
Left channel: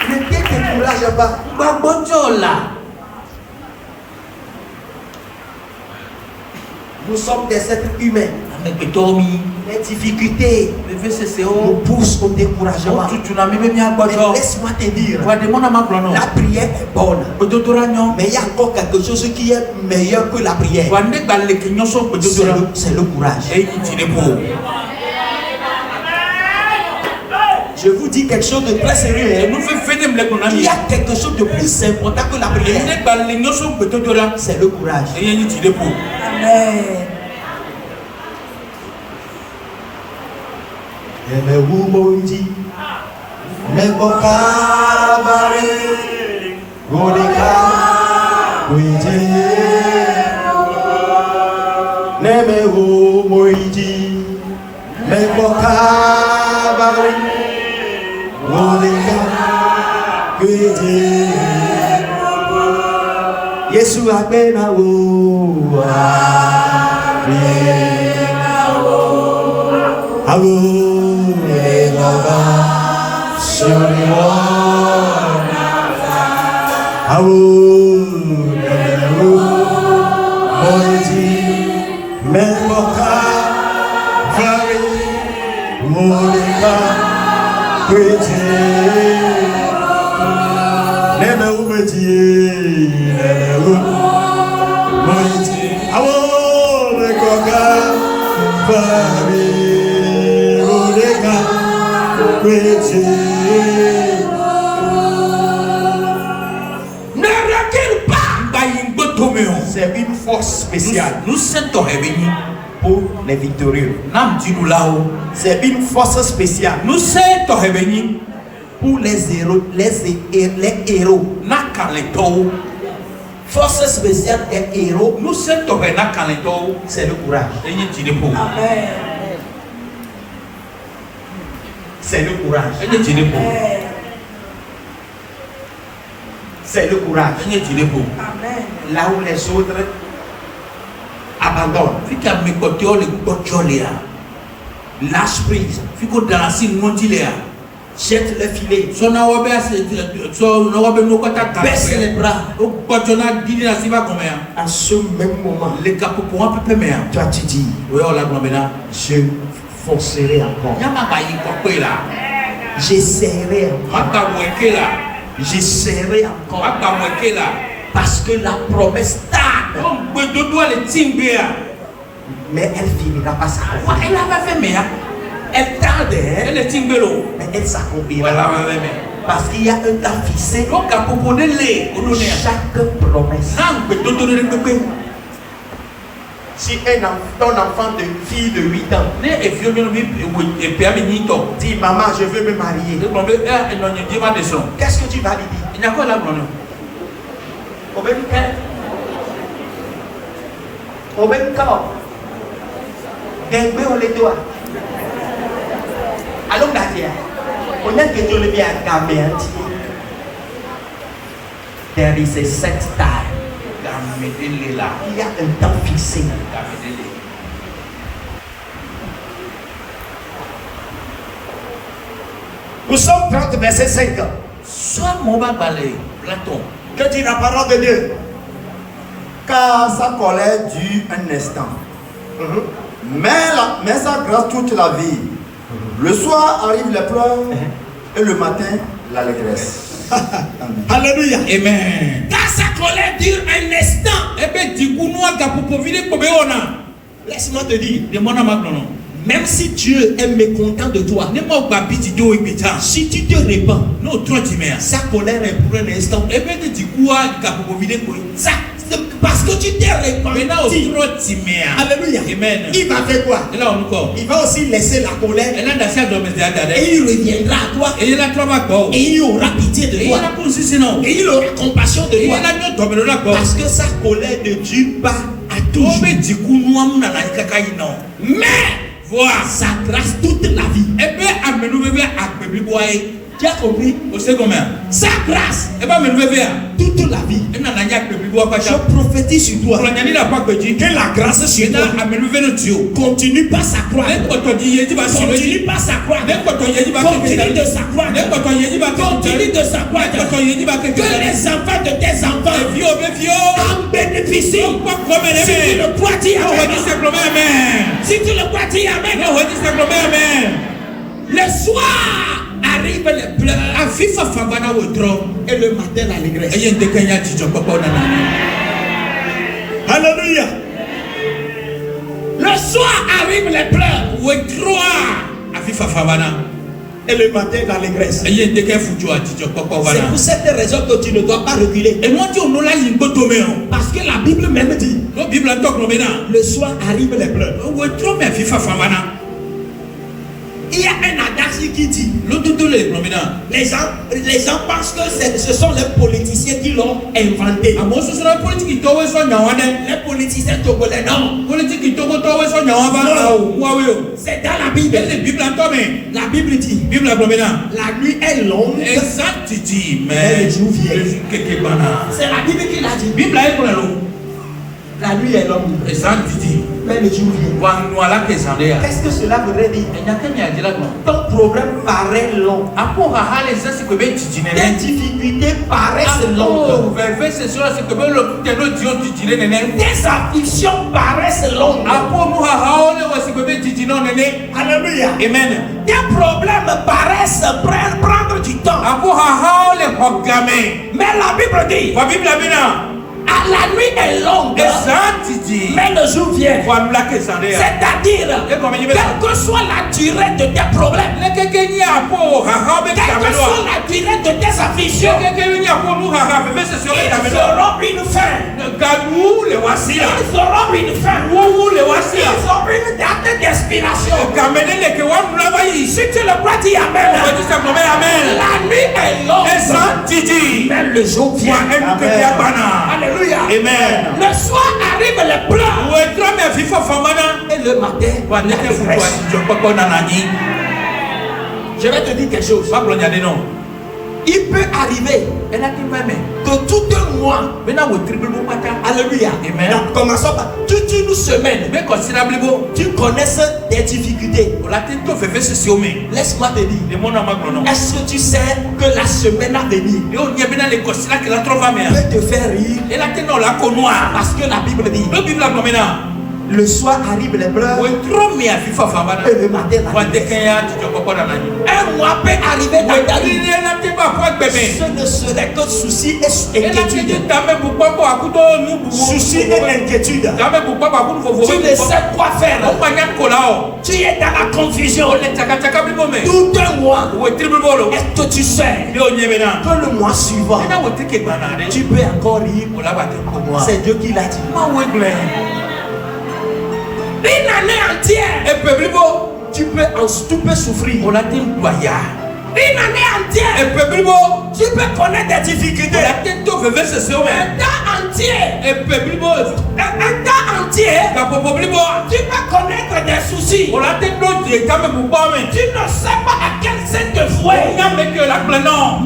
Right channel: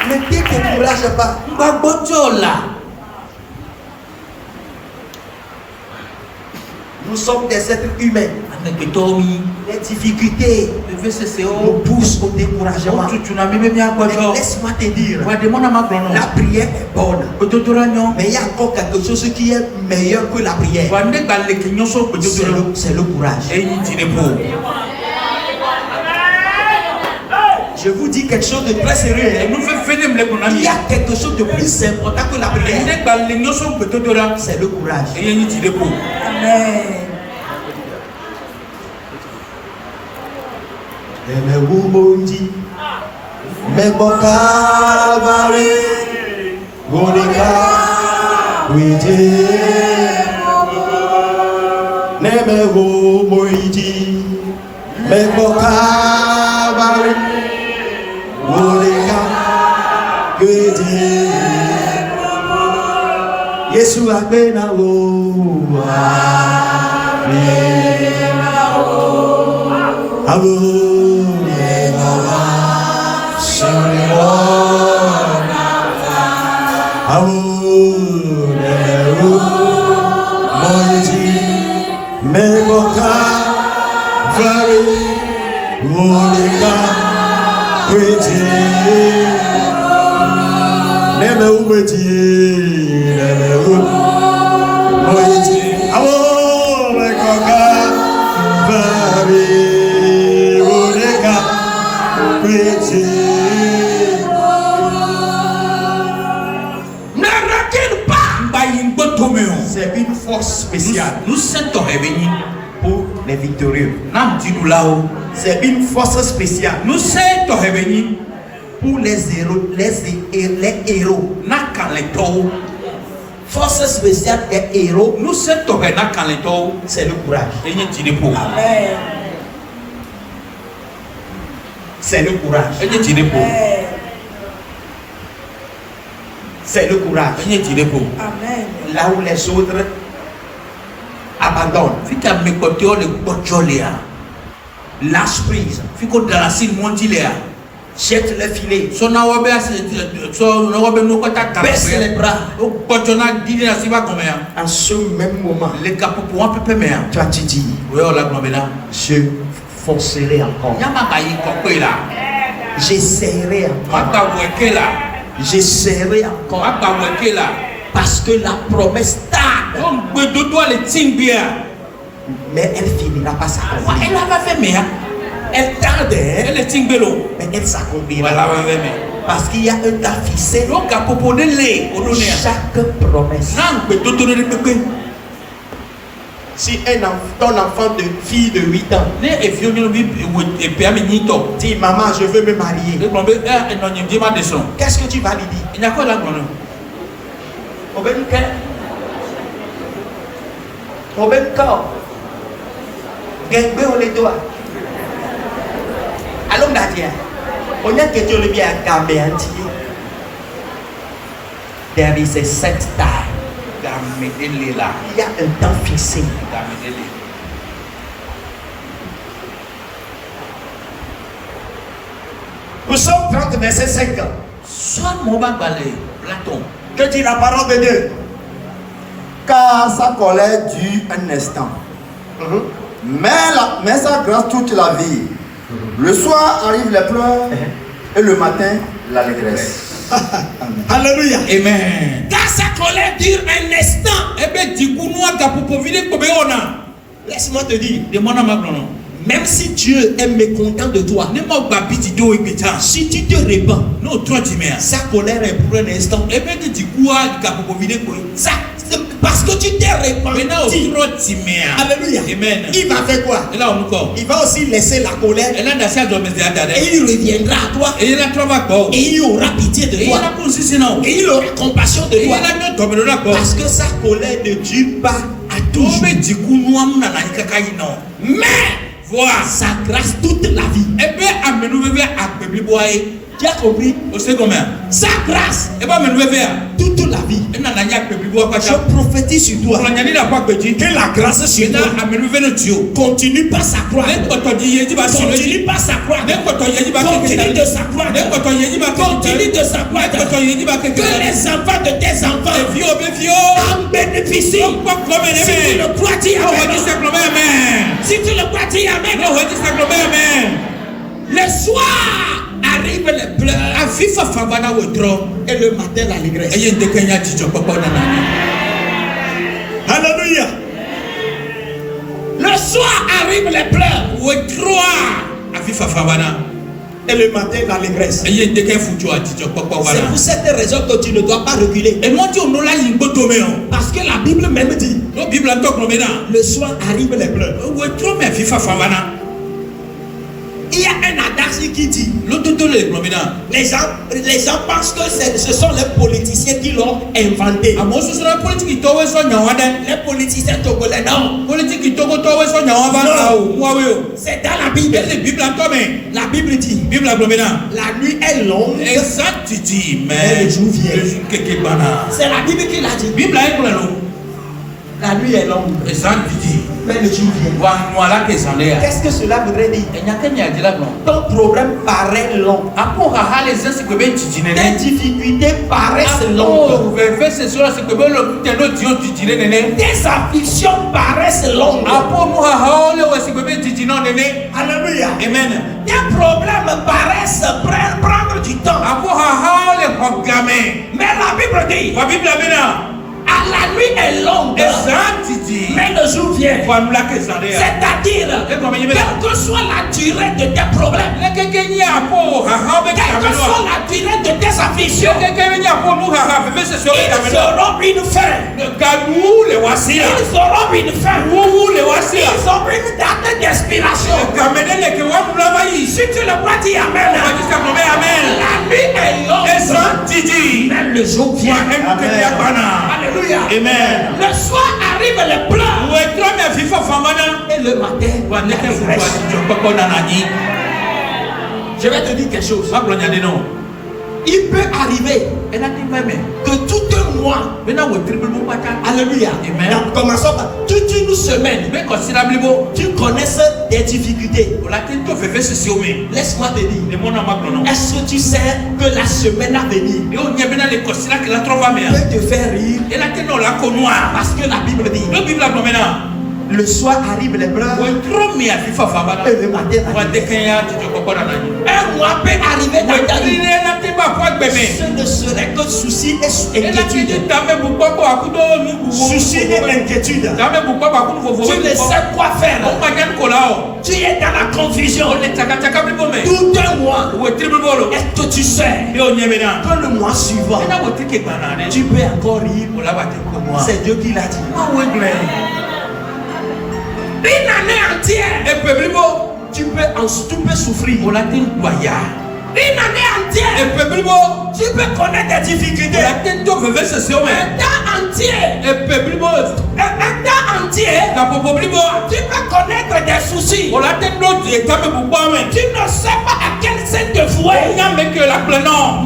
Ne te décourage pas. Nous sommes des êtres humains. Les difficultés nous poussent au découragement. Mais laisse-moi te dire, la prière est bonne. Mais il y a encore quelque chose qui est meilleur que la prière. C'est le courage. Je vous dis quelque chose de très sérieux. Il y a quelque chose de plus important que la prière. C'est le courage. Amen. Yesu apena wo C'est une force spéciale. Nous sommes réveillés Pour les victorieux. C'est une force spéciale. Nous sommes réveillés Pour les héros. Les héros. Force spéciale des héros. Nous sommes réveillés. C'est le courage. Amen. C'est le courage. C'est le courage. Amen. Là où les autres abandonnent. Lâche prise. Jette le filet. Baisse les bras. En ce même moment, tu as dit, je forcerai encore. J'essaierai encore. J'essaierai encore. Parce que la promesse tarde. Mais elle finira par s'accomplir. Elle tarde, mais elle s'accomplira. Parce qu'il y a un temps fixé pour chaque promesse. Si ton enfant de fille de 8 ans dit maman je veux me marier, qu'est-ce que tu vas lui dire? There is a set time. Il y a un temps fixé. Nous sommes 30 verset 5. Que dit la parole de Dieu? Car sa colère dure un instant. Mais sa grâce toute la vie. Le soir arrivent les pleurs et le matin l'allégresse. Alléluia. Amen. Car sa colère dure un instant. Laisse-moi te dire, même si Dieu est mécontent de toi, si tu te répands, sa colère est pour un instant. Parce que tu t'es répandu. Alléluia. Amen. Il va faire quoi? Il va aussi laisser la colère. Et il reviendra à toi. Et il aura pitié de toi. Et il aura compassion de toi. Parce que sa colère ne dure pas à toujours. Mais voilà sa grâce toute la vie. Tu as compris? Sa grâce toute la vie. Je prophétise sur toi que la grâce sur toi continue par sa croix. Continue par sa croix. Continue de sa croix. Continue de sa croix. Que les enfants de tes enfants en bénéficient. Si tu le crois, dis amen. Si tu le crois, dis amen. Le soir arrive les pleurs et le matin l'allégresse. Alléluia. Le soir arrive les pleurs et le matin l'allégresse. C'est pour cette raison que tu ne dois pas reculer. Parce que la Bible même dit le soir arrive les pleurs. Il y a un adage qui dit les gens pensent que ce sont les politiciens qui l'ont inventé. Les politiciens togolais, non. C'est dans la Bible. La Bible dit la nuit est longue, mais le jour vient. C'est la Bible qui l'a dit. La nuit est longue, mais le jour vient. Qu'est-ce que cela voudrait dire? Ton problème paraît long. Tes difficultés paraissent longues. Tes afflictions paraissent longues. Alléluia. Amen. Des problèmes paraissent prendre du temps. Mais la Bible dit, à la nuit est longue, mais le jour vient. C'est-à-dire, quelle que soit la durée de tes problèmes, quelle que soit la durée de tes afflictions, ils auront une fin. Ils auront une fin. Ils ont une date d'expiration. Si tu le crois, dis Amen. La nuit est longue, mais le jour vient. Alléluia. Amen. Le soir arrive les pleurs. Et le matin, je vais te dire quelque chose. Il peut arriver que tout un mois, alléluia, commençons par toute une semaine, tu connaisses des difficultés. Laisse-moi te dire, est-ce que tu sais que la semaine à venir peut te faire rire? Parce que la Bible dit, le soir arrive les pleurs et le matin un mois peut arriver dans ta vie. Ce ne serait que souci et inquiétude. Souci et inquiétude. Tu ne sais quoi faire. Tu es dans la confusion. Tout un mois. Est-ce que tu sais que le mois suivant tu peux encore rire? C'est Dieu qui l'a dit. Une année entière, tu peux souffrir. Une année entière, tu peux connaître des difficultés. Un temps entier, tu peux connaître des soucis. Tu ne sais pas à quel sein te vouer.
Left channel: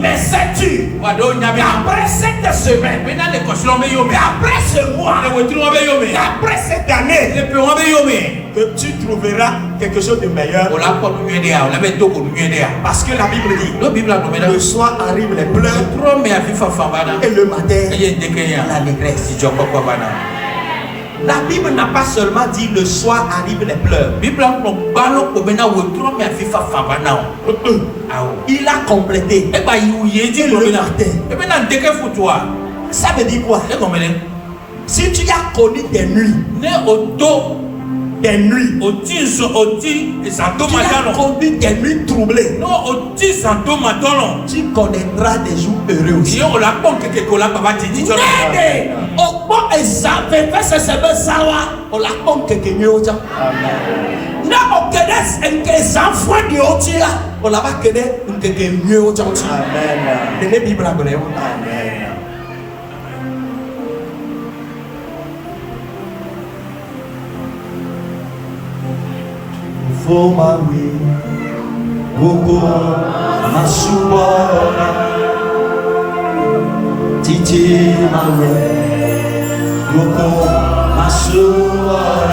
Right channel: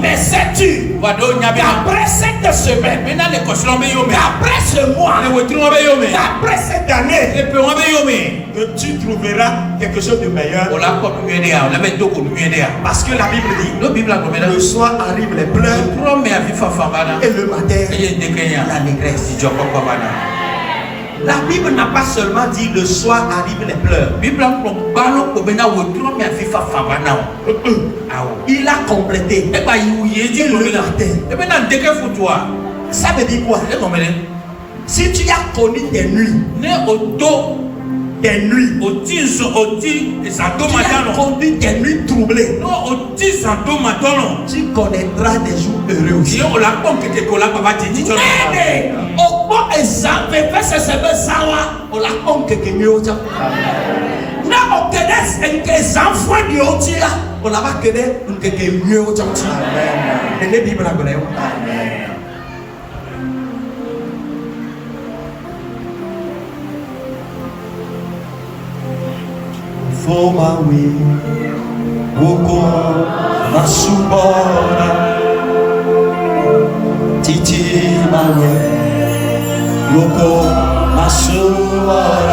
Mais sais-tu qu'après cette semaine, qu'après ce mois, qu'après cette année, que tu trouveras quelque chose de meilleur? Parce que la Bible dit, le soir arrive les pleurs et le matin l'allégresse. La Bible n'a pas seulement dit le soir arrive les pleurs. Il a complété. Et le matin. Ça veut dire quoi? Si tu as connu des nuits, tu as connu des nuits troublées, tu connaîtras des jours heureux aussi. Au bon exemple, c'est ce on l'a compris mieux. Non, on connaît les enfants de Otia, on l'a pas connaît mieux. Amen. For my way, Woko Masubora, Titi my way, Woko Masubora,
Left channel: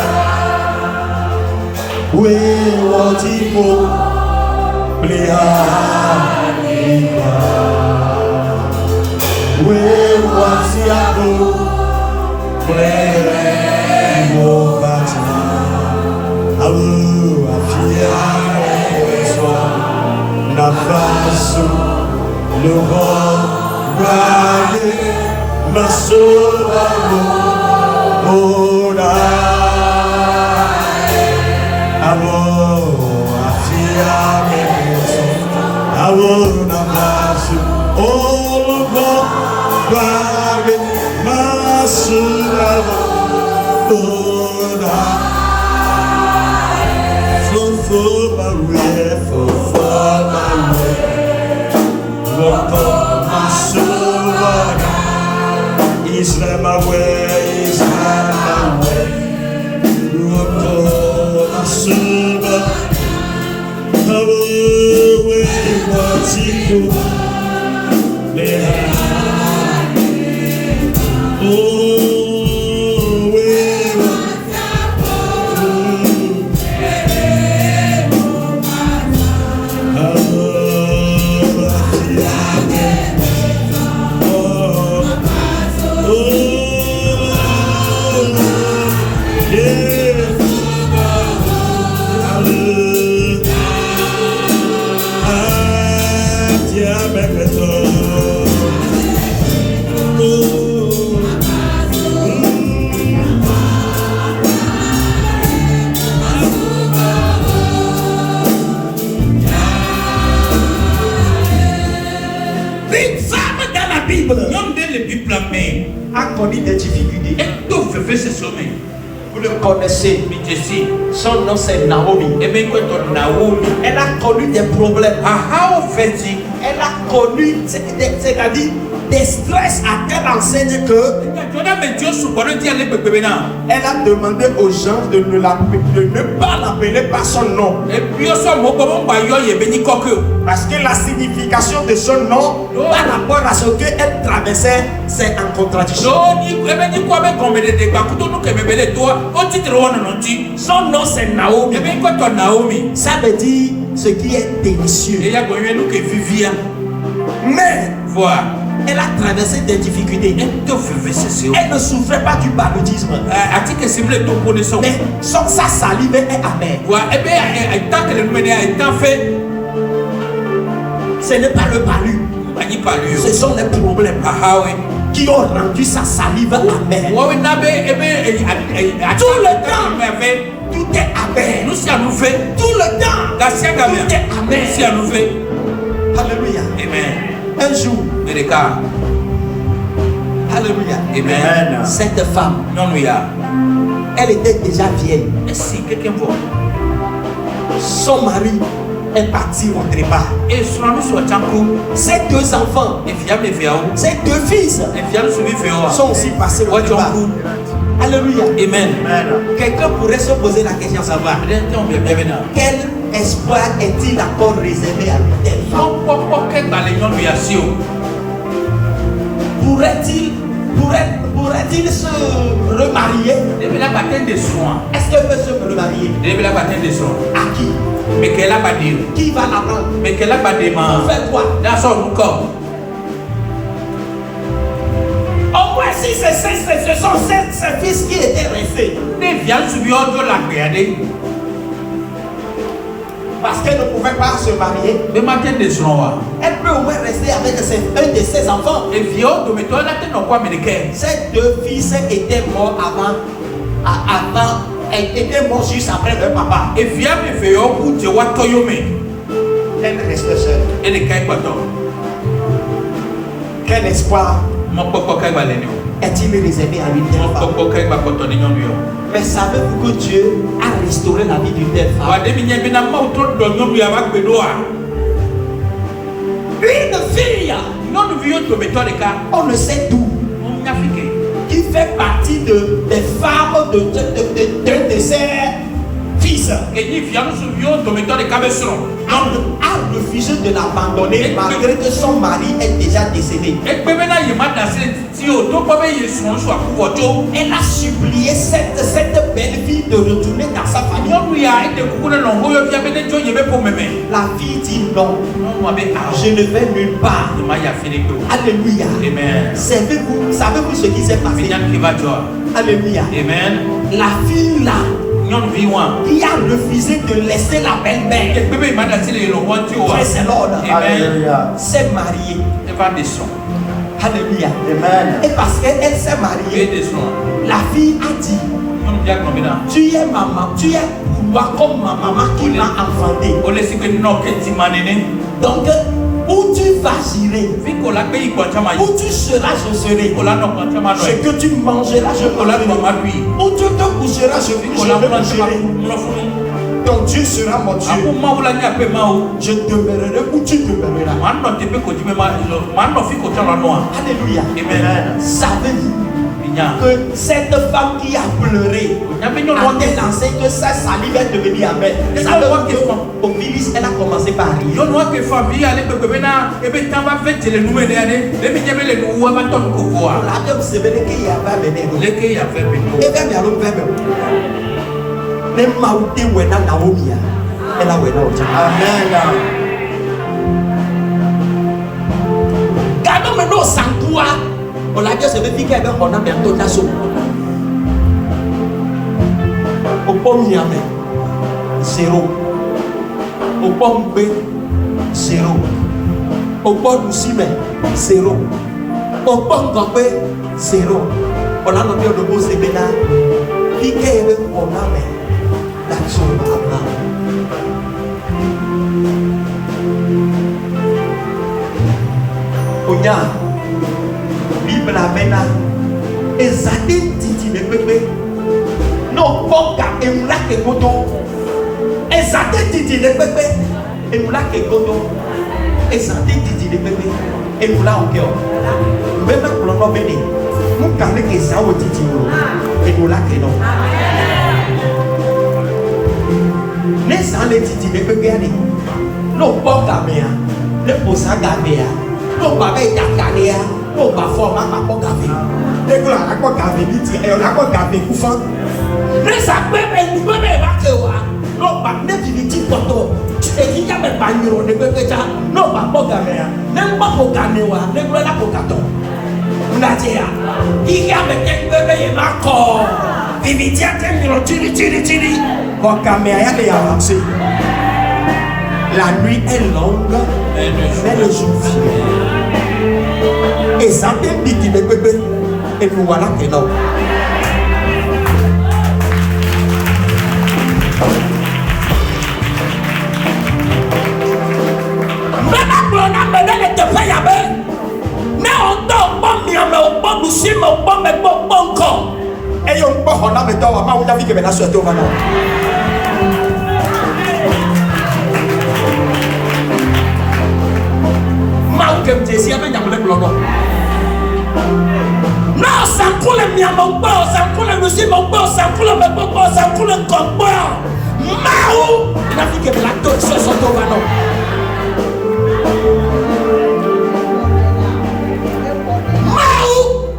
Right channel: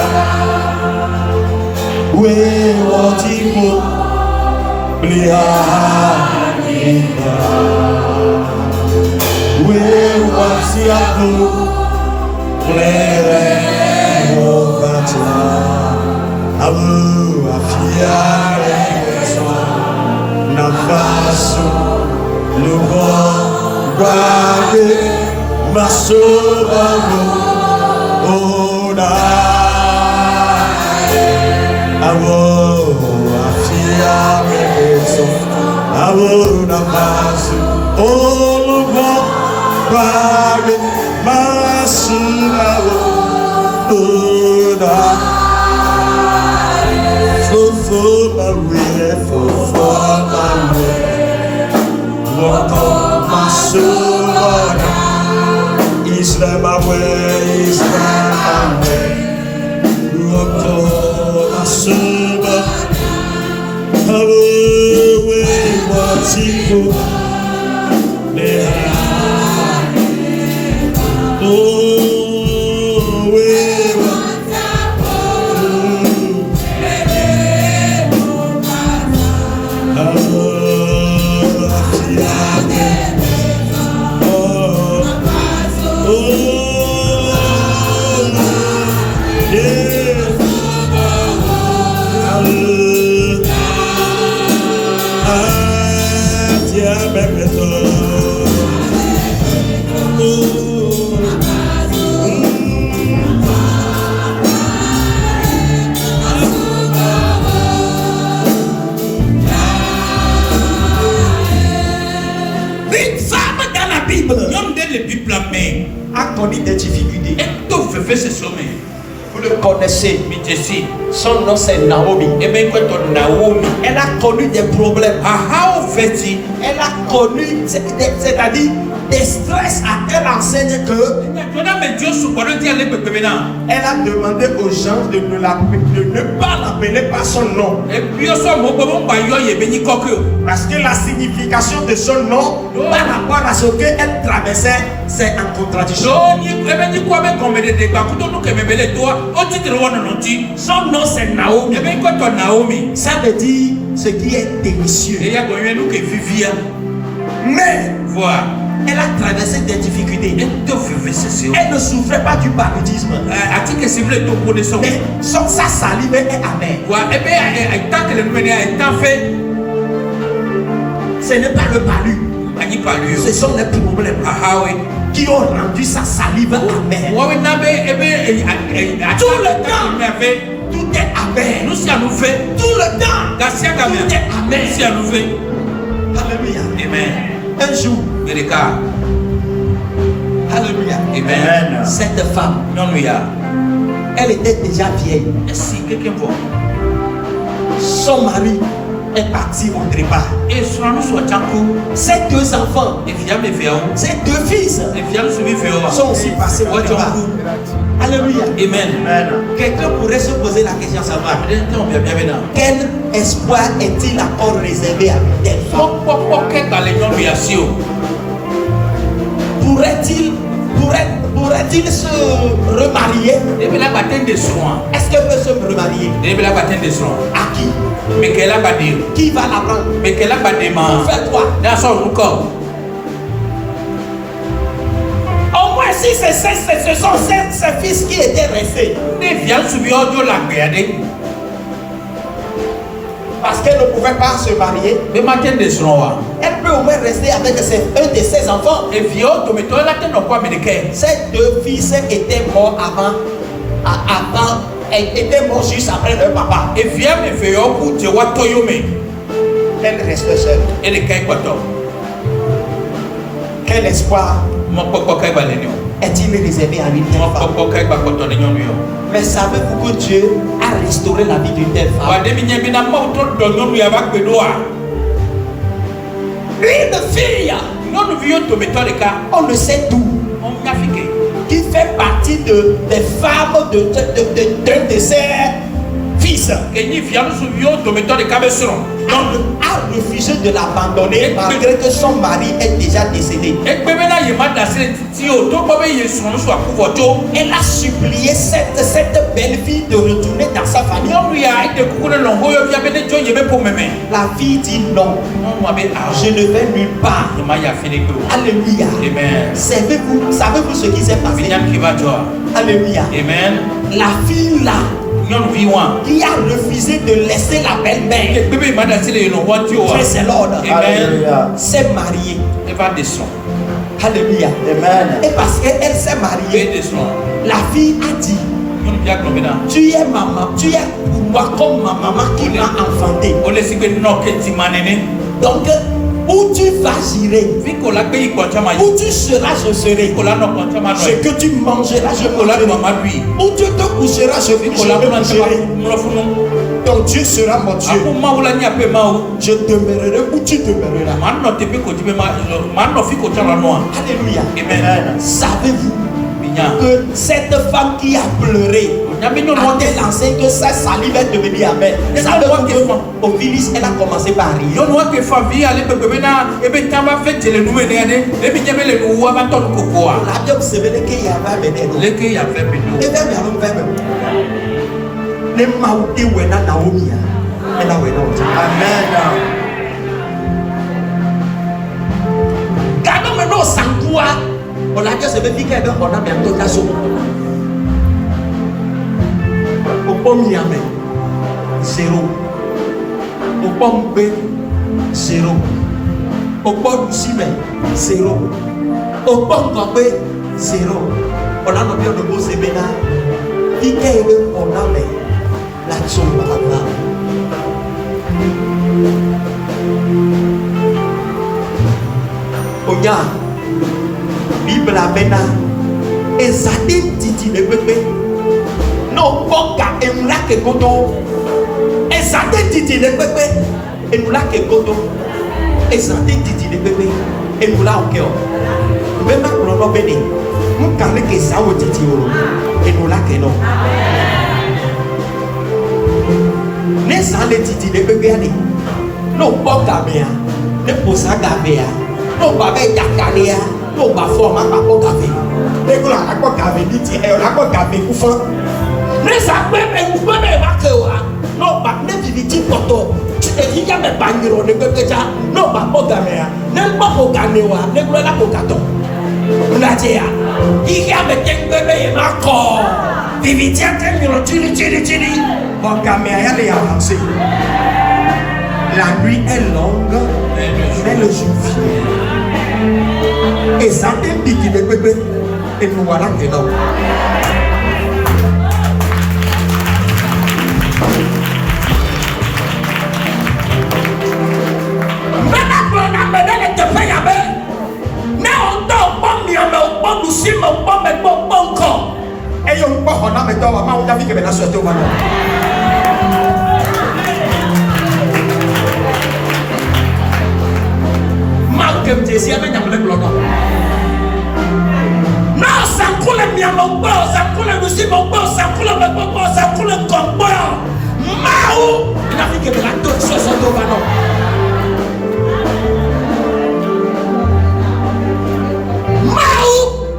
we want to go, we want to go, na faço no roubado na sua ora alô afia eso alô na faço o no roubado na sua ora Islam my way, Islam my way. Woko Masuba, Hawaii Watiku. connu des difficultés. Et tout fait ce sommet. Vous le connaissez. Son nom c'est Naomi. Et bien quand on Naomi, Elle a connu des problèmes. how fait Elle a connu, c'est-à-dire des stress à tel enseigne que elle a demandé aux gens de ne pas l'appeler par son nom. Parce que la signification de son nom par rapport à ce qu'elle traversait, c'est en contradiction. Son nom c'est Naomi. Ça veut dire ce qui est délicieux. Mais voilà. Elle a traversé des difficultés. Elle ne souffrait pas du paludisme. Mais sa salive est amère. Ce n'est pas le palu. Ce sont les problèmes qui ont rendu sa salive amère. Tout le temps, tout est amer. Tout le temps, tout est amer. Alléluia. Amen. Un jour, alléluia. Amen. Cette femme, elle était déjà vieille. Si quelqu'un voit. Son mari est parti au trépas. Et Ses deux enfants, ses deux fils sont aussi passés au trépas. Alléluia. Amen. Quelqu'un pourrait se poser la question à savoir quel espoir est-il encore réservé à telle femme? Pourrait-il se remarier? Est-ce qu'elle peut se remarier? À qui? Qui va la prendre? Fais quoi? Au moins si ce sont ses fils qui étaient restés. Parce qu'elle ne pouvait pas se marier. Elle peut au moins rester avec un de ses enfants. Ces deux fils étaient morts avant, étaient morts juste après leur papa. Elle restait seule. Quel espoir est-il réservé à une telle femme? Mais savez-vous que Dieu a restauré la vie d'une telle femme? Une fille, on ne sait d'où, qui fait partie des femmes d'un de ses fils, a refusé de l'abandonner malgré que son mari est déjà décédé. Elle a supplié cette belle fille de retourner dans sa famille. La fille dit non, je ne vais nulle part. Alléluia. Savez-vous ce qui s'est passé? Alléluia. Amen. La fille là, qui a refusé de laisser la belle-mère, praise the Lord, s'est mariée. Alléluia. Amen. Et parce qu'elle s'est mariée, la fille a dit, tu es maman, tu es pour moi comme ma maman qui m'a enfanté. Donc, où tu vas gérer, où tu seras, je serai. Ce que tu mangeras, je mangerai. Où tu te coucheras, je mangerai. Donc Dieu sera mon Dieu. Je demeurerai où tu demeureras. Alléluia. Amen. Savez-vous que cette femme qui a pleuré a-t-elle lancé que sa salive est devenue amère? Savez-vous que au Phyllis, elle a commencé par rire. Adam se veut qu'il y avait Bénégo. Et bien, nous avons ne mauti wena Naomi. Elle a wena. Amen. Gardons maintenant sans toi. On a dit que c'est bien qu'il y a un même dotation. Au pomme Yamé, 0. Au pomme B, 0. Au pomme Simé, 0. Au pomme Gambé, 0. On a noté le mot Zébéna. Qui est le on a mais l'action de Abraham. Oya, Bible Abena, didi le pepe. Et nous là que godo. Et ça didi le pepe. Et nous là au cœur. Même pour l'homme béni. Nous quand que ça au didi. Et nous là que non. Ne ça le didi le pepe ani. No pas gamea. Ne pour ça gamea. No pas be yakania. No pas forma pas pour café. Ne pour la pas café didi. Et la pas café pour faire. Ne ça peut être pas que non pas ne viviti poto et qui a même pas miro ne peut déjà non pas pour gamea ne pas pour gamewa ne pour la pour gato unatia il y a même bébé marco viviti a miro tili pour gamea elle est avancée la nuit est longue mais le jour et ça te dit qu'il est bébé et nous voilà que là. Et on peut en avoir dans ma main qui va sortir maintenant. Malgré tes yeux, mais le blanc. Non, ça coule bien mon bord, ça coule le si mon bord, ça coule le bord, ça coule le combat. Mao, il a fait que la toute chose sont au ballon.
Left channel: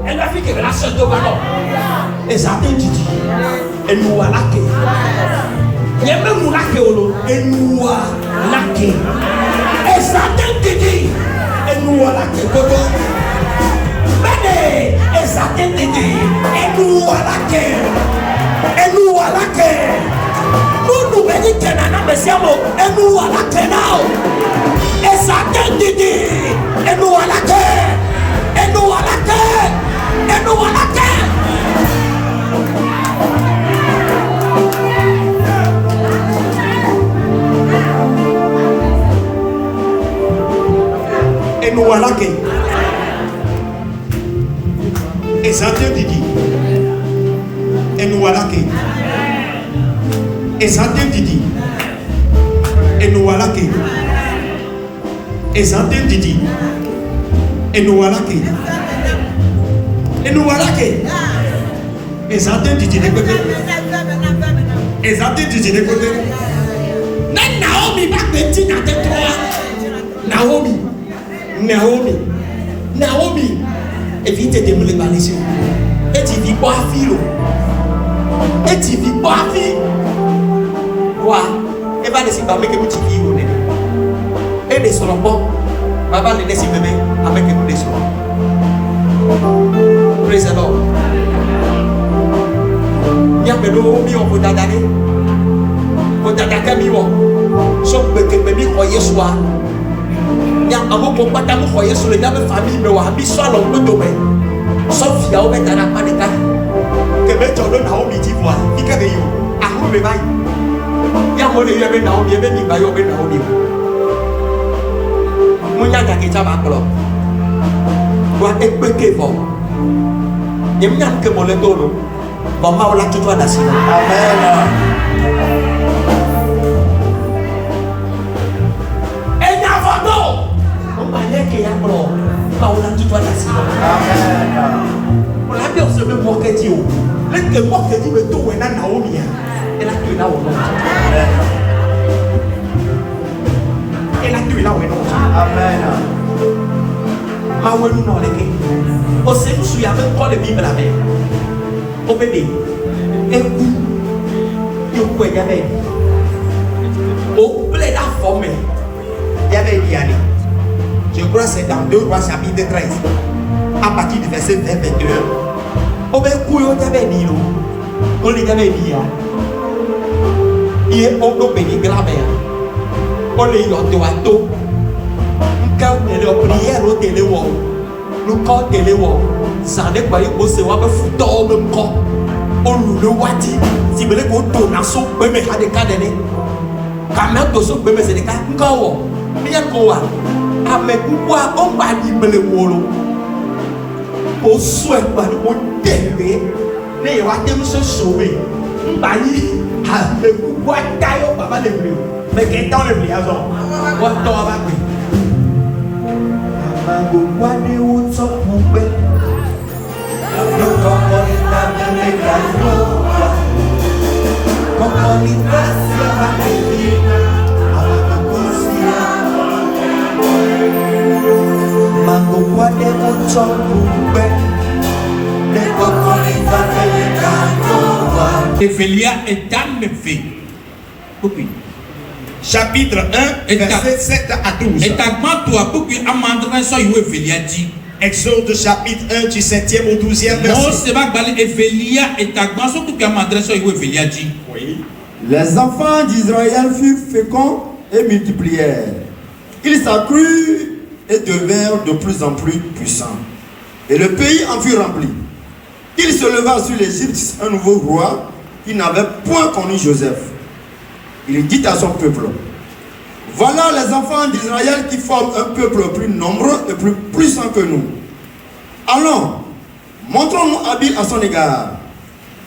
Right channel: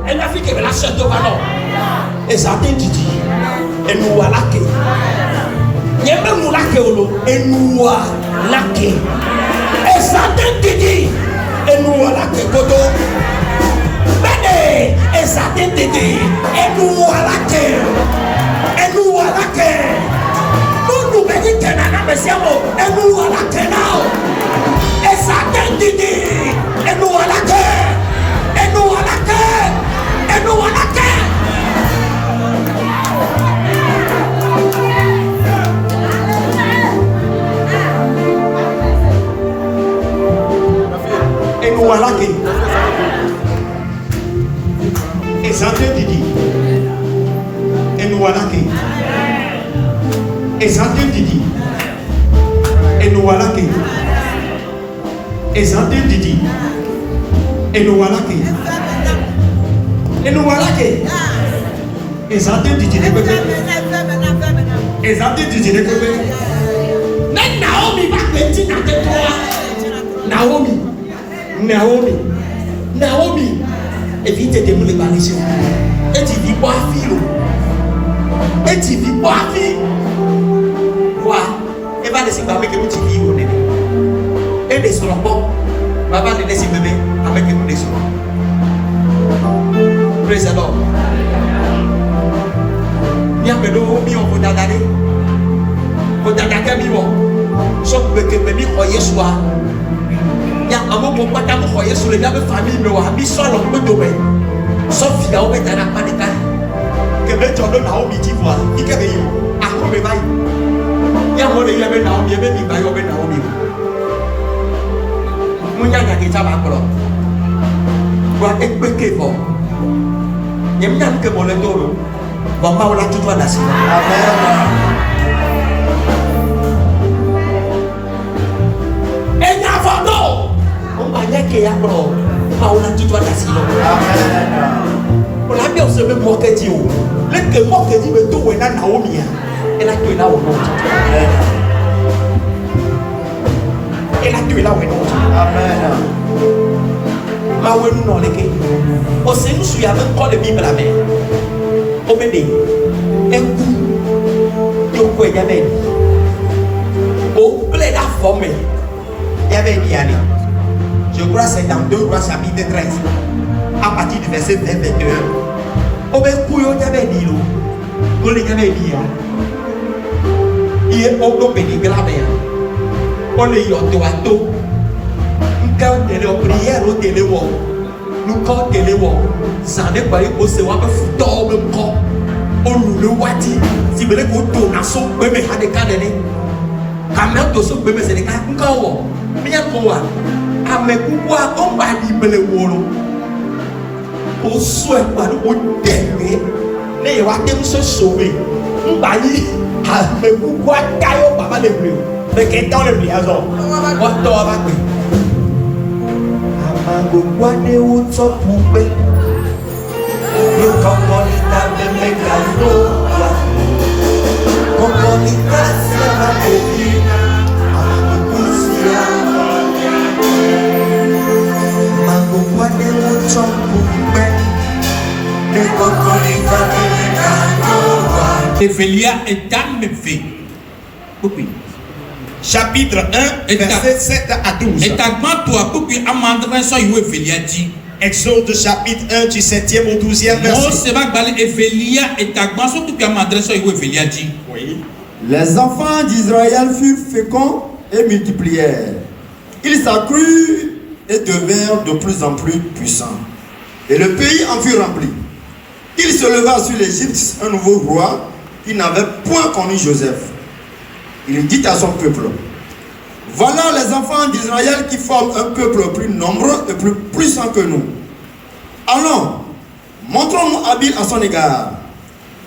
Elle a fait que la chasse de ballon. Et ça te dit. Et nous voilà que. Il y a même nous là que. Et nous voilà que. Et ça te dit. Et nous voilà que. Venez. Et ça te dit. Et nous voilà que. Et nous voilà que. Nous venons que nana me siamo. Et nous voilà que now. Et ça te dit. Et nous voilà que. Et nous voilà que. Et nous voilà que. Et nous voilà que. Et ça te dit. Et nous voilà que. Et ça te dit. Et nous voilà que. Et ça te dit. Et nous voilà que. Et nous voilà que. Et ça te dit de bébé. Et ça te dit de bébé. Mais Naomi va petit dans tes trois. Naomi. Évite de nous les balayer. Et tu vis pas à filo. Et tu vis pas à filo. Quoi? Et va laisser baber que tu vis au nez. Et des soins bon. Va les laisser bébé avec les soins. Praise the Lord. Bien que nous on peut t'adapter. Pour t'adapter mieux. Sauf que nous croyons soit. Il y a un mot pour pas t'avoir croyé sur le même famille mais on a mis ça dans le domaine. Sauf qu'il y a un peu dans la panique. Que me tombe dans au midi voilà. Il y a des gens. Ah on me va. Il y a moi les gens dans au midi mais il va y avoir dans au midi. Nous y a des gens à colo. Doit être pété fort. Il y a que mon le dos. Maman on l'a tout droit d'assez. Et n'avons on m'a dit qu'il y a bro. Maman on l'a tout droit d'assez. On l'a bien se met moquer Dieu. Le que moquer dit mais tout est dans Naomi. Elle a tué là où non. Elle a tué là où non. Ma ouais nous non les gars. On sait nous suis avec quoi le Bible la mer. Au bébé, un coup, il y avait au blé la forme, il y avait dit, je crois que c'est dans 2 Rois chapitre 13, à partir du verset 21. Au bébé, il y avait dit, il y avait dit, il est au béni de la mer. On est au toato, quand on est en prière au téléwall, nous quand téléwall. Ça n'est pas pour se voir foutre même corps. On nous wati. Si vous voulez qu'on tourne à son bébé à des cas d'année. Quand même, tout son bébé, c'est des cas d'année. Bien quoi. À mes pouvoirs, on va dire le molo. Au soin, au délai. Les rois se sauver. On va dire à mes pouvoirs, taille au papa de bleu. Mais qu'est-ce que le liaison? What do I have? Amango guade uto pumpe. Yo comunita venegando. Comunita se va divina. Amango guade uto pumpe. Yo comunita venegando. Evelia est dans mes filles. Chapitre 1, verset 7 à 12. Exode chapitre 1 du 7e au 12e verset. Oui. Les enfants d'Israël furent féconds et multiplièrent. Ils s'accrurent et devinrent de plus en plus puissants. Et le pays en fut rempli. Il se leva sur l'Égypte un nouveau roi qui n'avait point connu Joseph. Il dit à son peuple: voilà les enfants d'Israël qui forment un peuple plus nombreux et plus puissant que nous. Allons, montrons-nous habiles à son égard.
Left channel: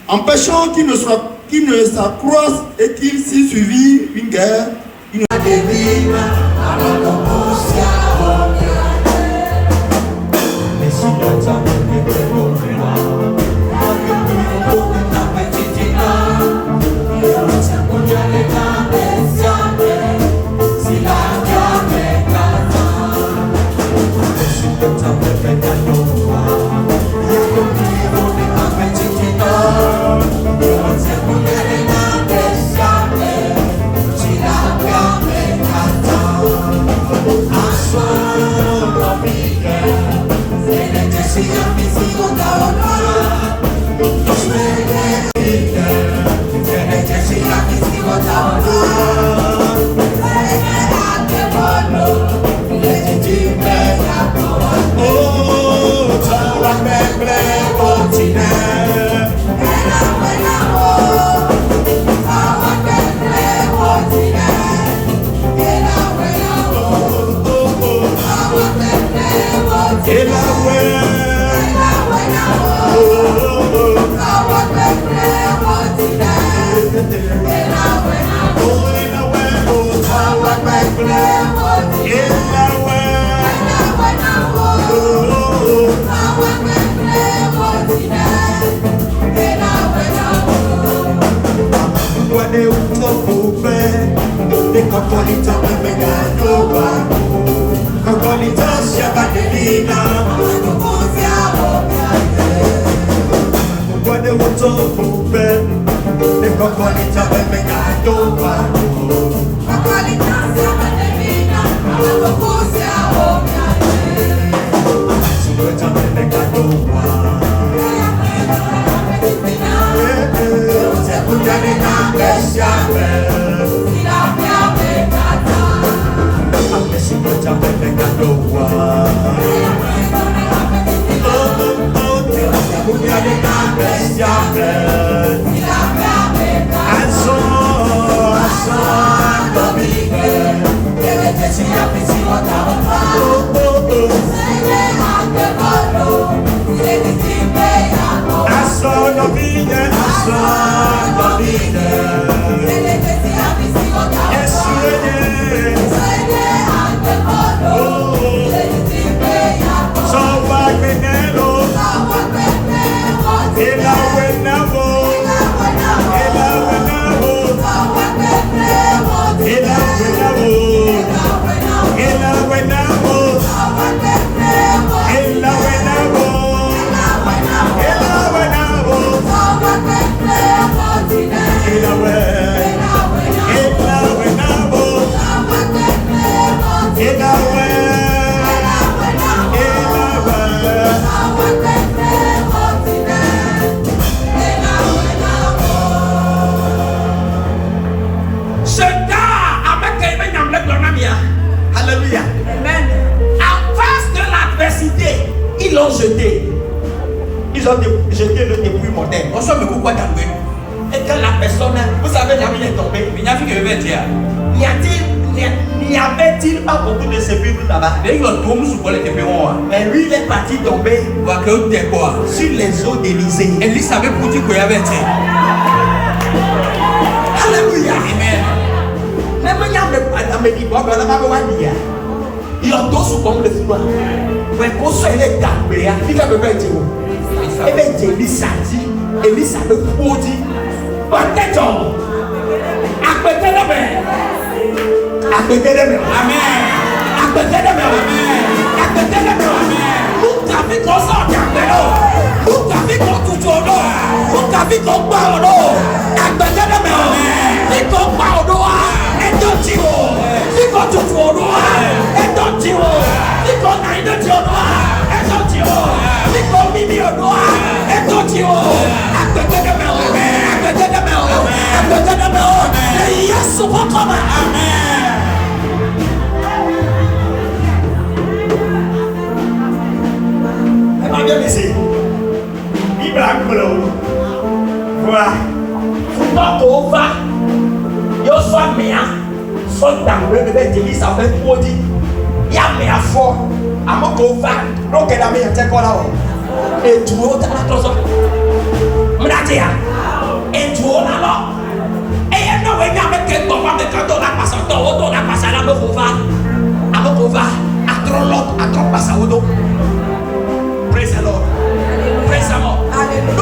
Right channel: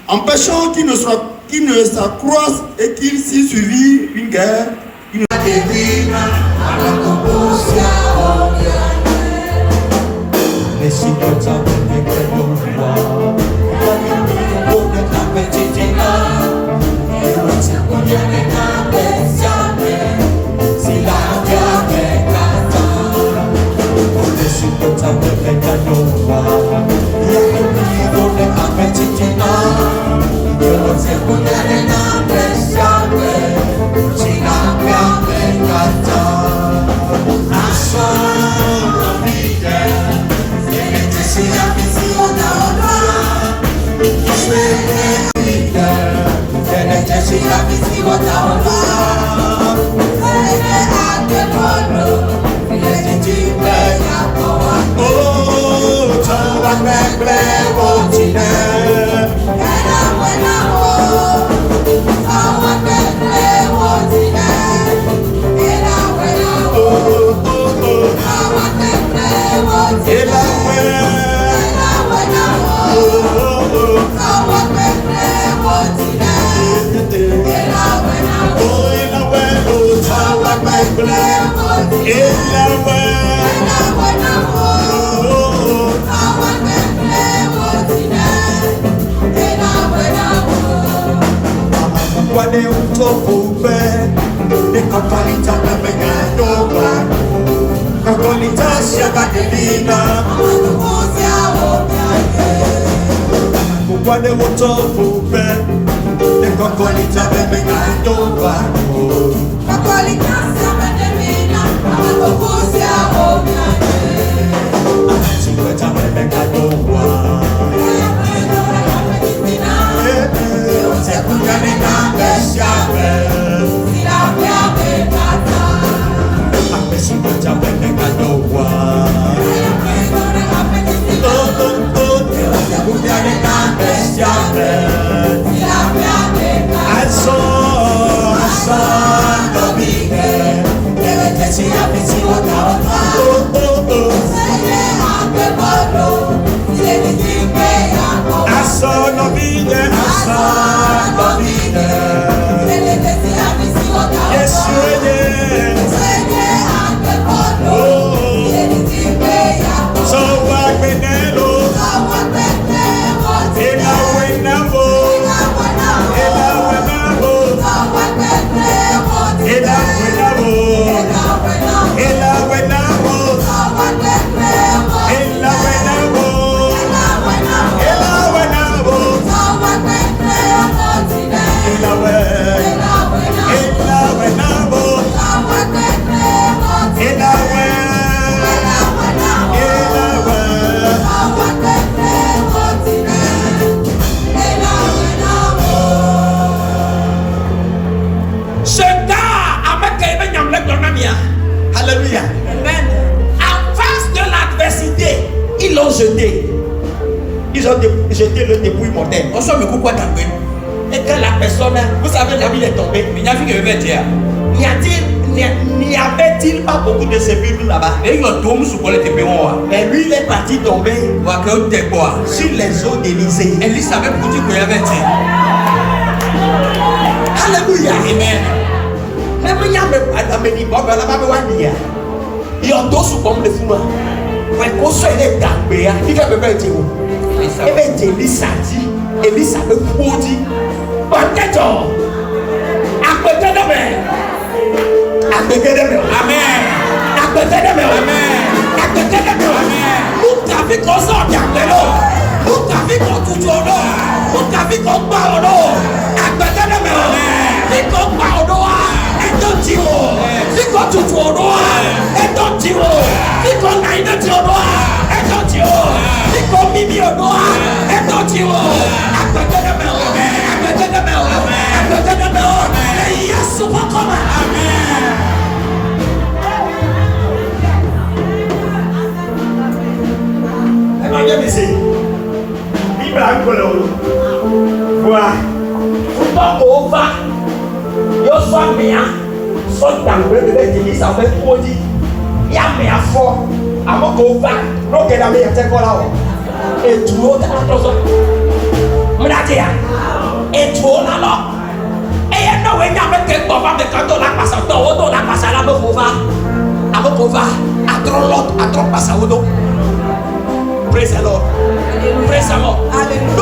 Empêchons qu'il ne s'accroisse et qu'il s'y suivi une guerre. Et quand la personne, vous savez là où il est tombé, n'y avait-il pas beaucoup de sépulcres là-bas? Mais lui il est parti tomber sur les eaux d'Élysée. Alléluia. Amen. Même il y a mes dibos, mais là, ma voix n'y a. Il y a deux sous comme le fou. Mais pour ça, il est gardé. Il a besoin de vous. Et bien, Elisa dit, Elisa le fou dit, peut-être, après-demain. Amen. Praise the Lord. Praise the Lord. Hallelujah.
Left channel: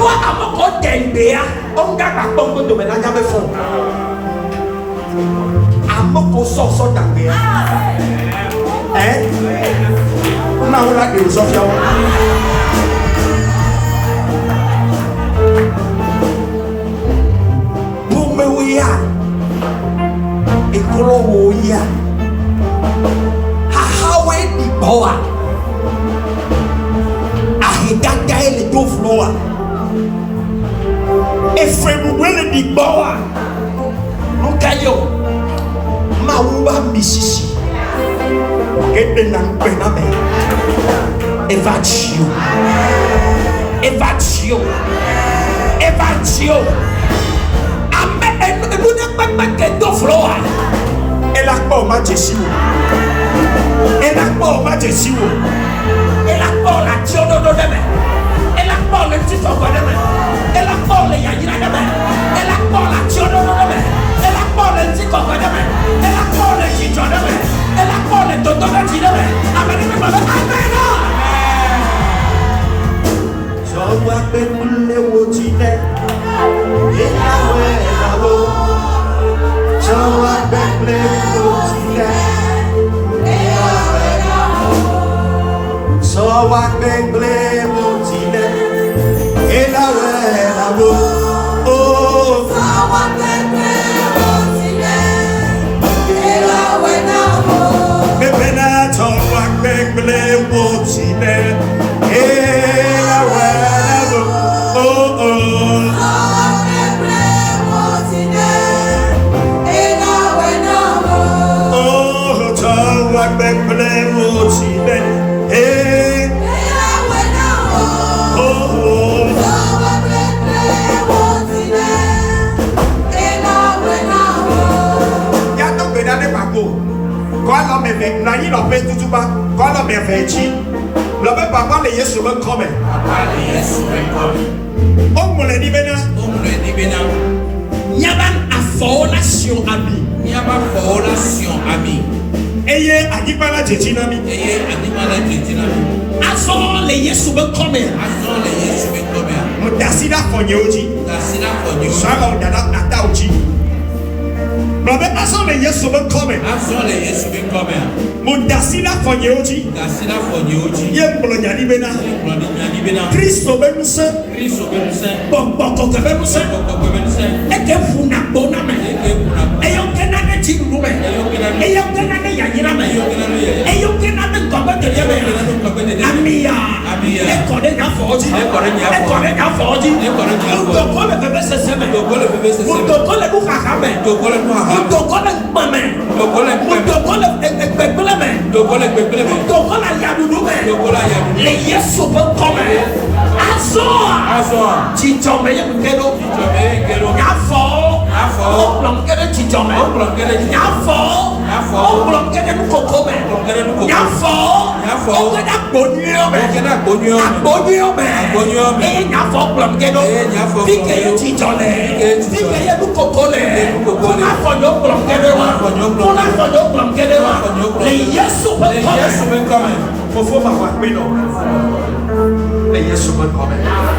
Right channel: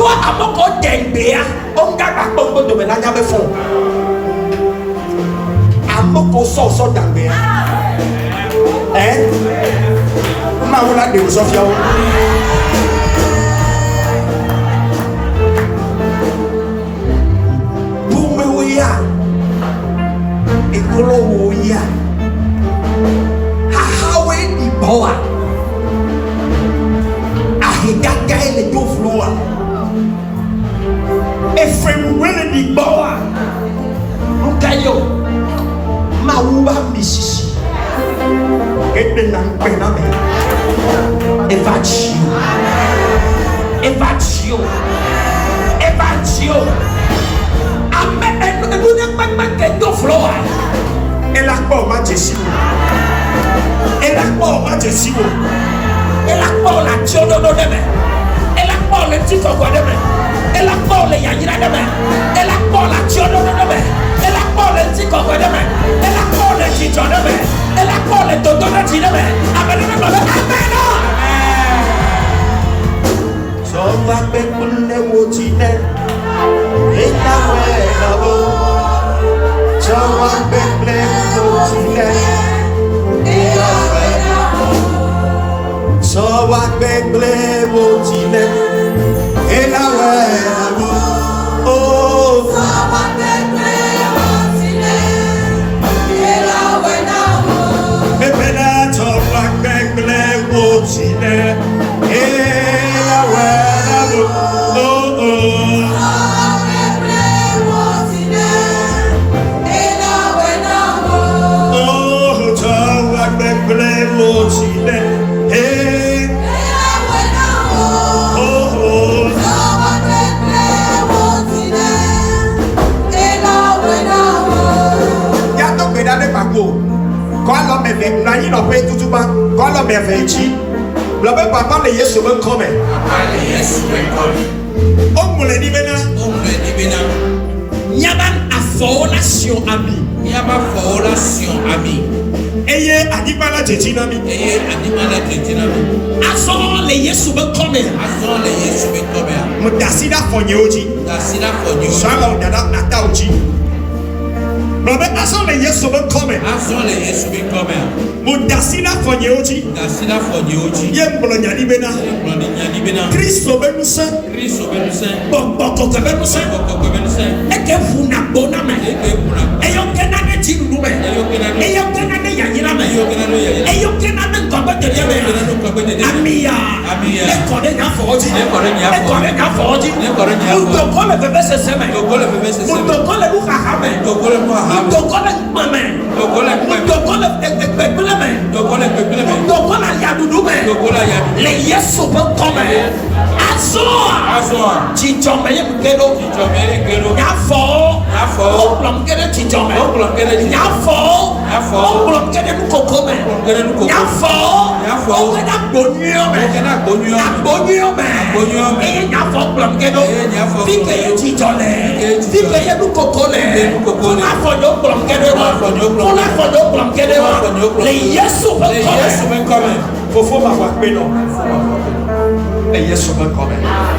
Oh, Yes,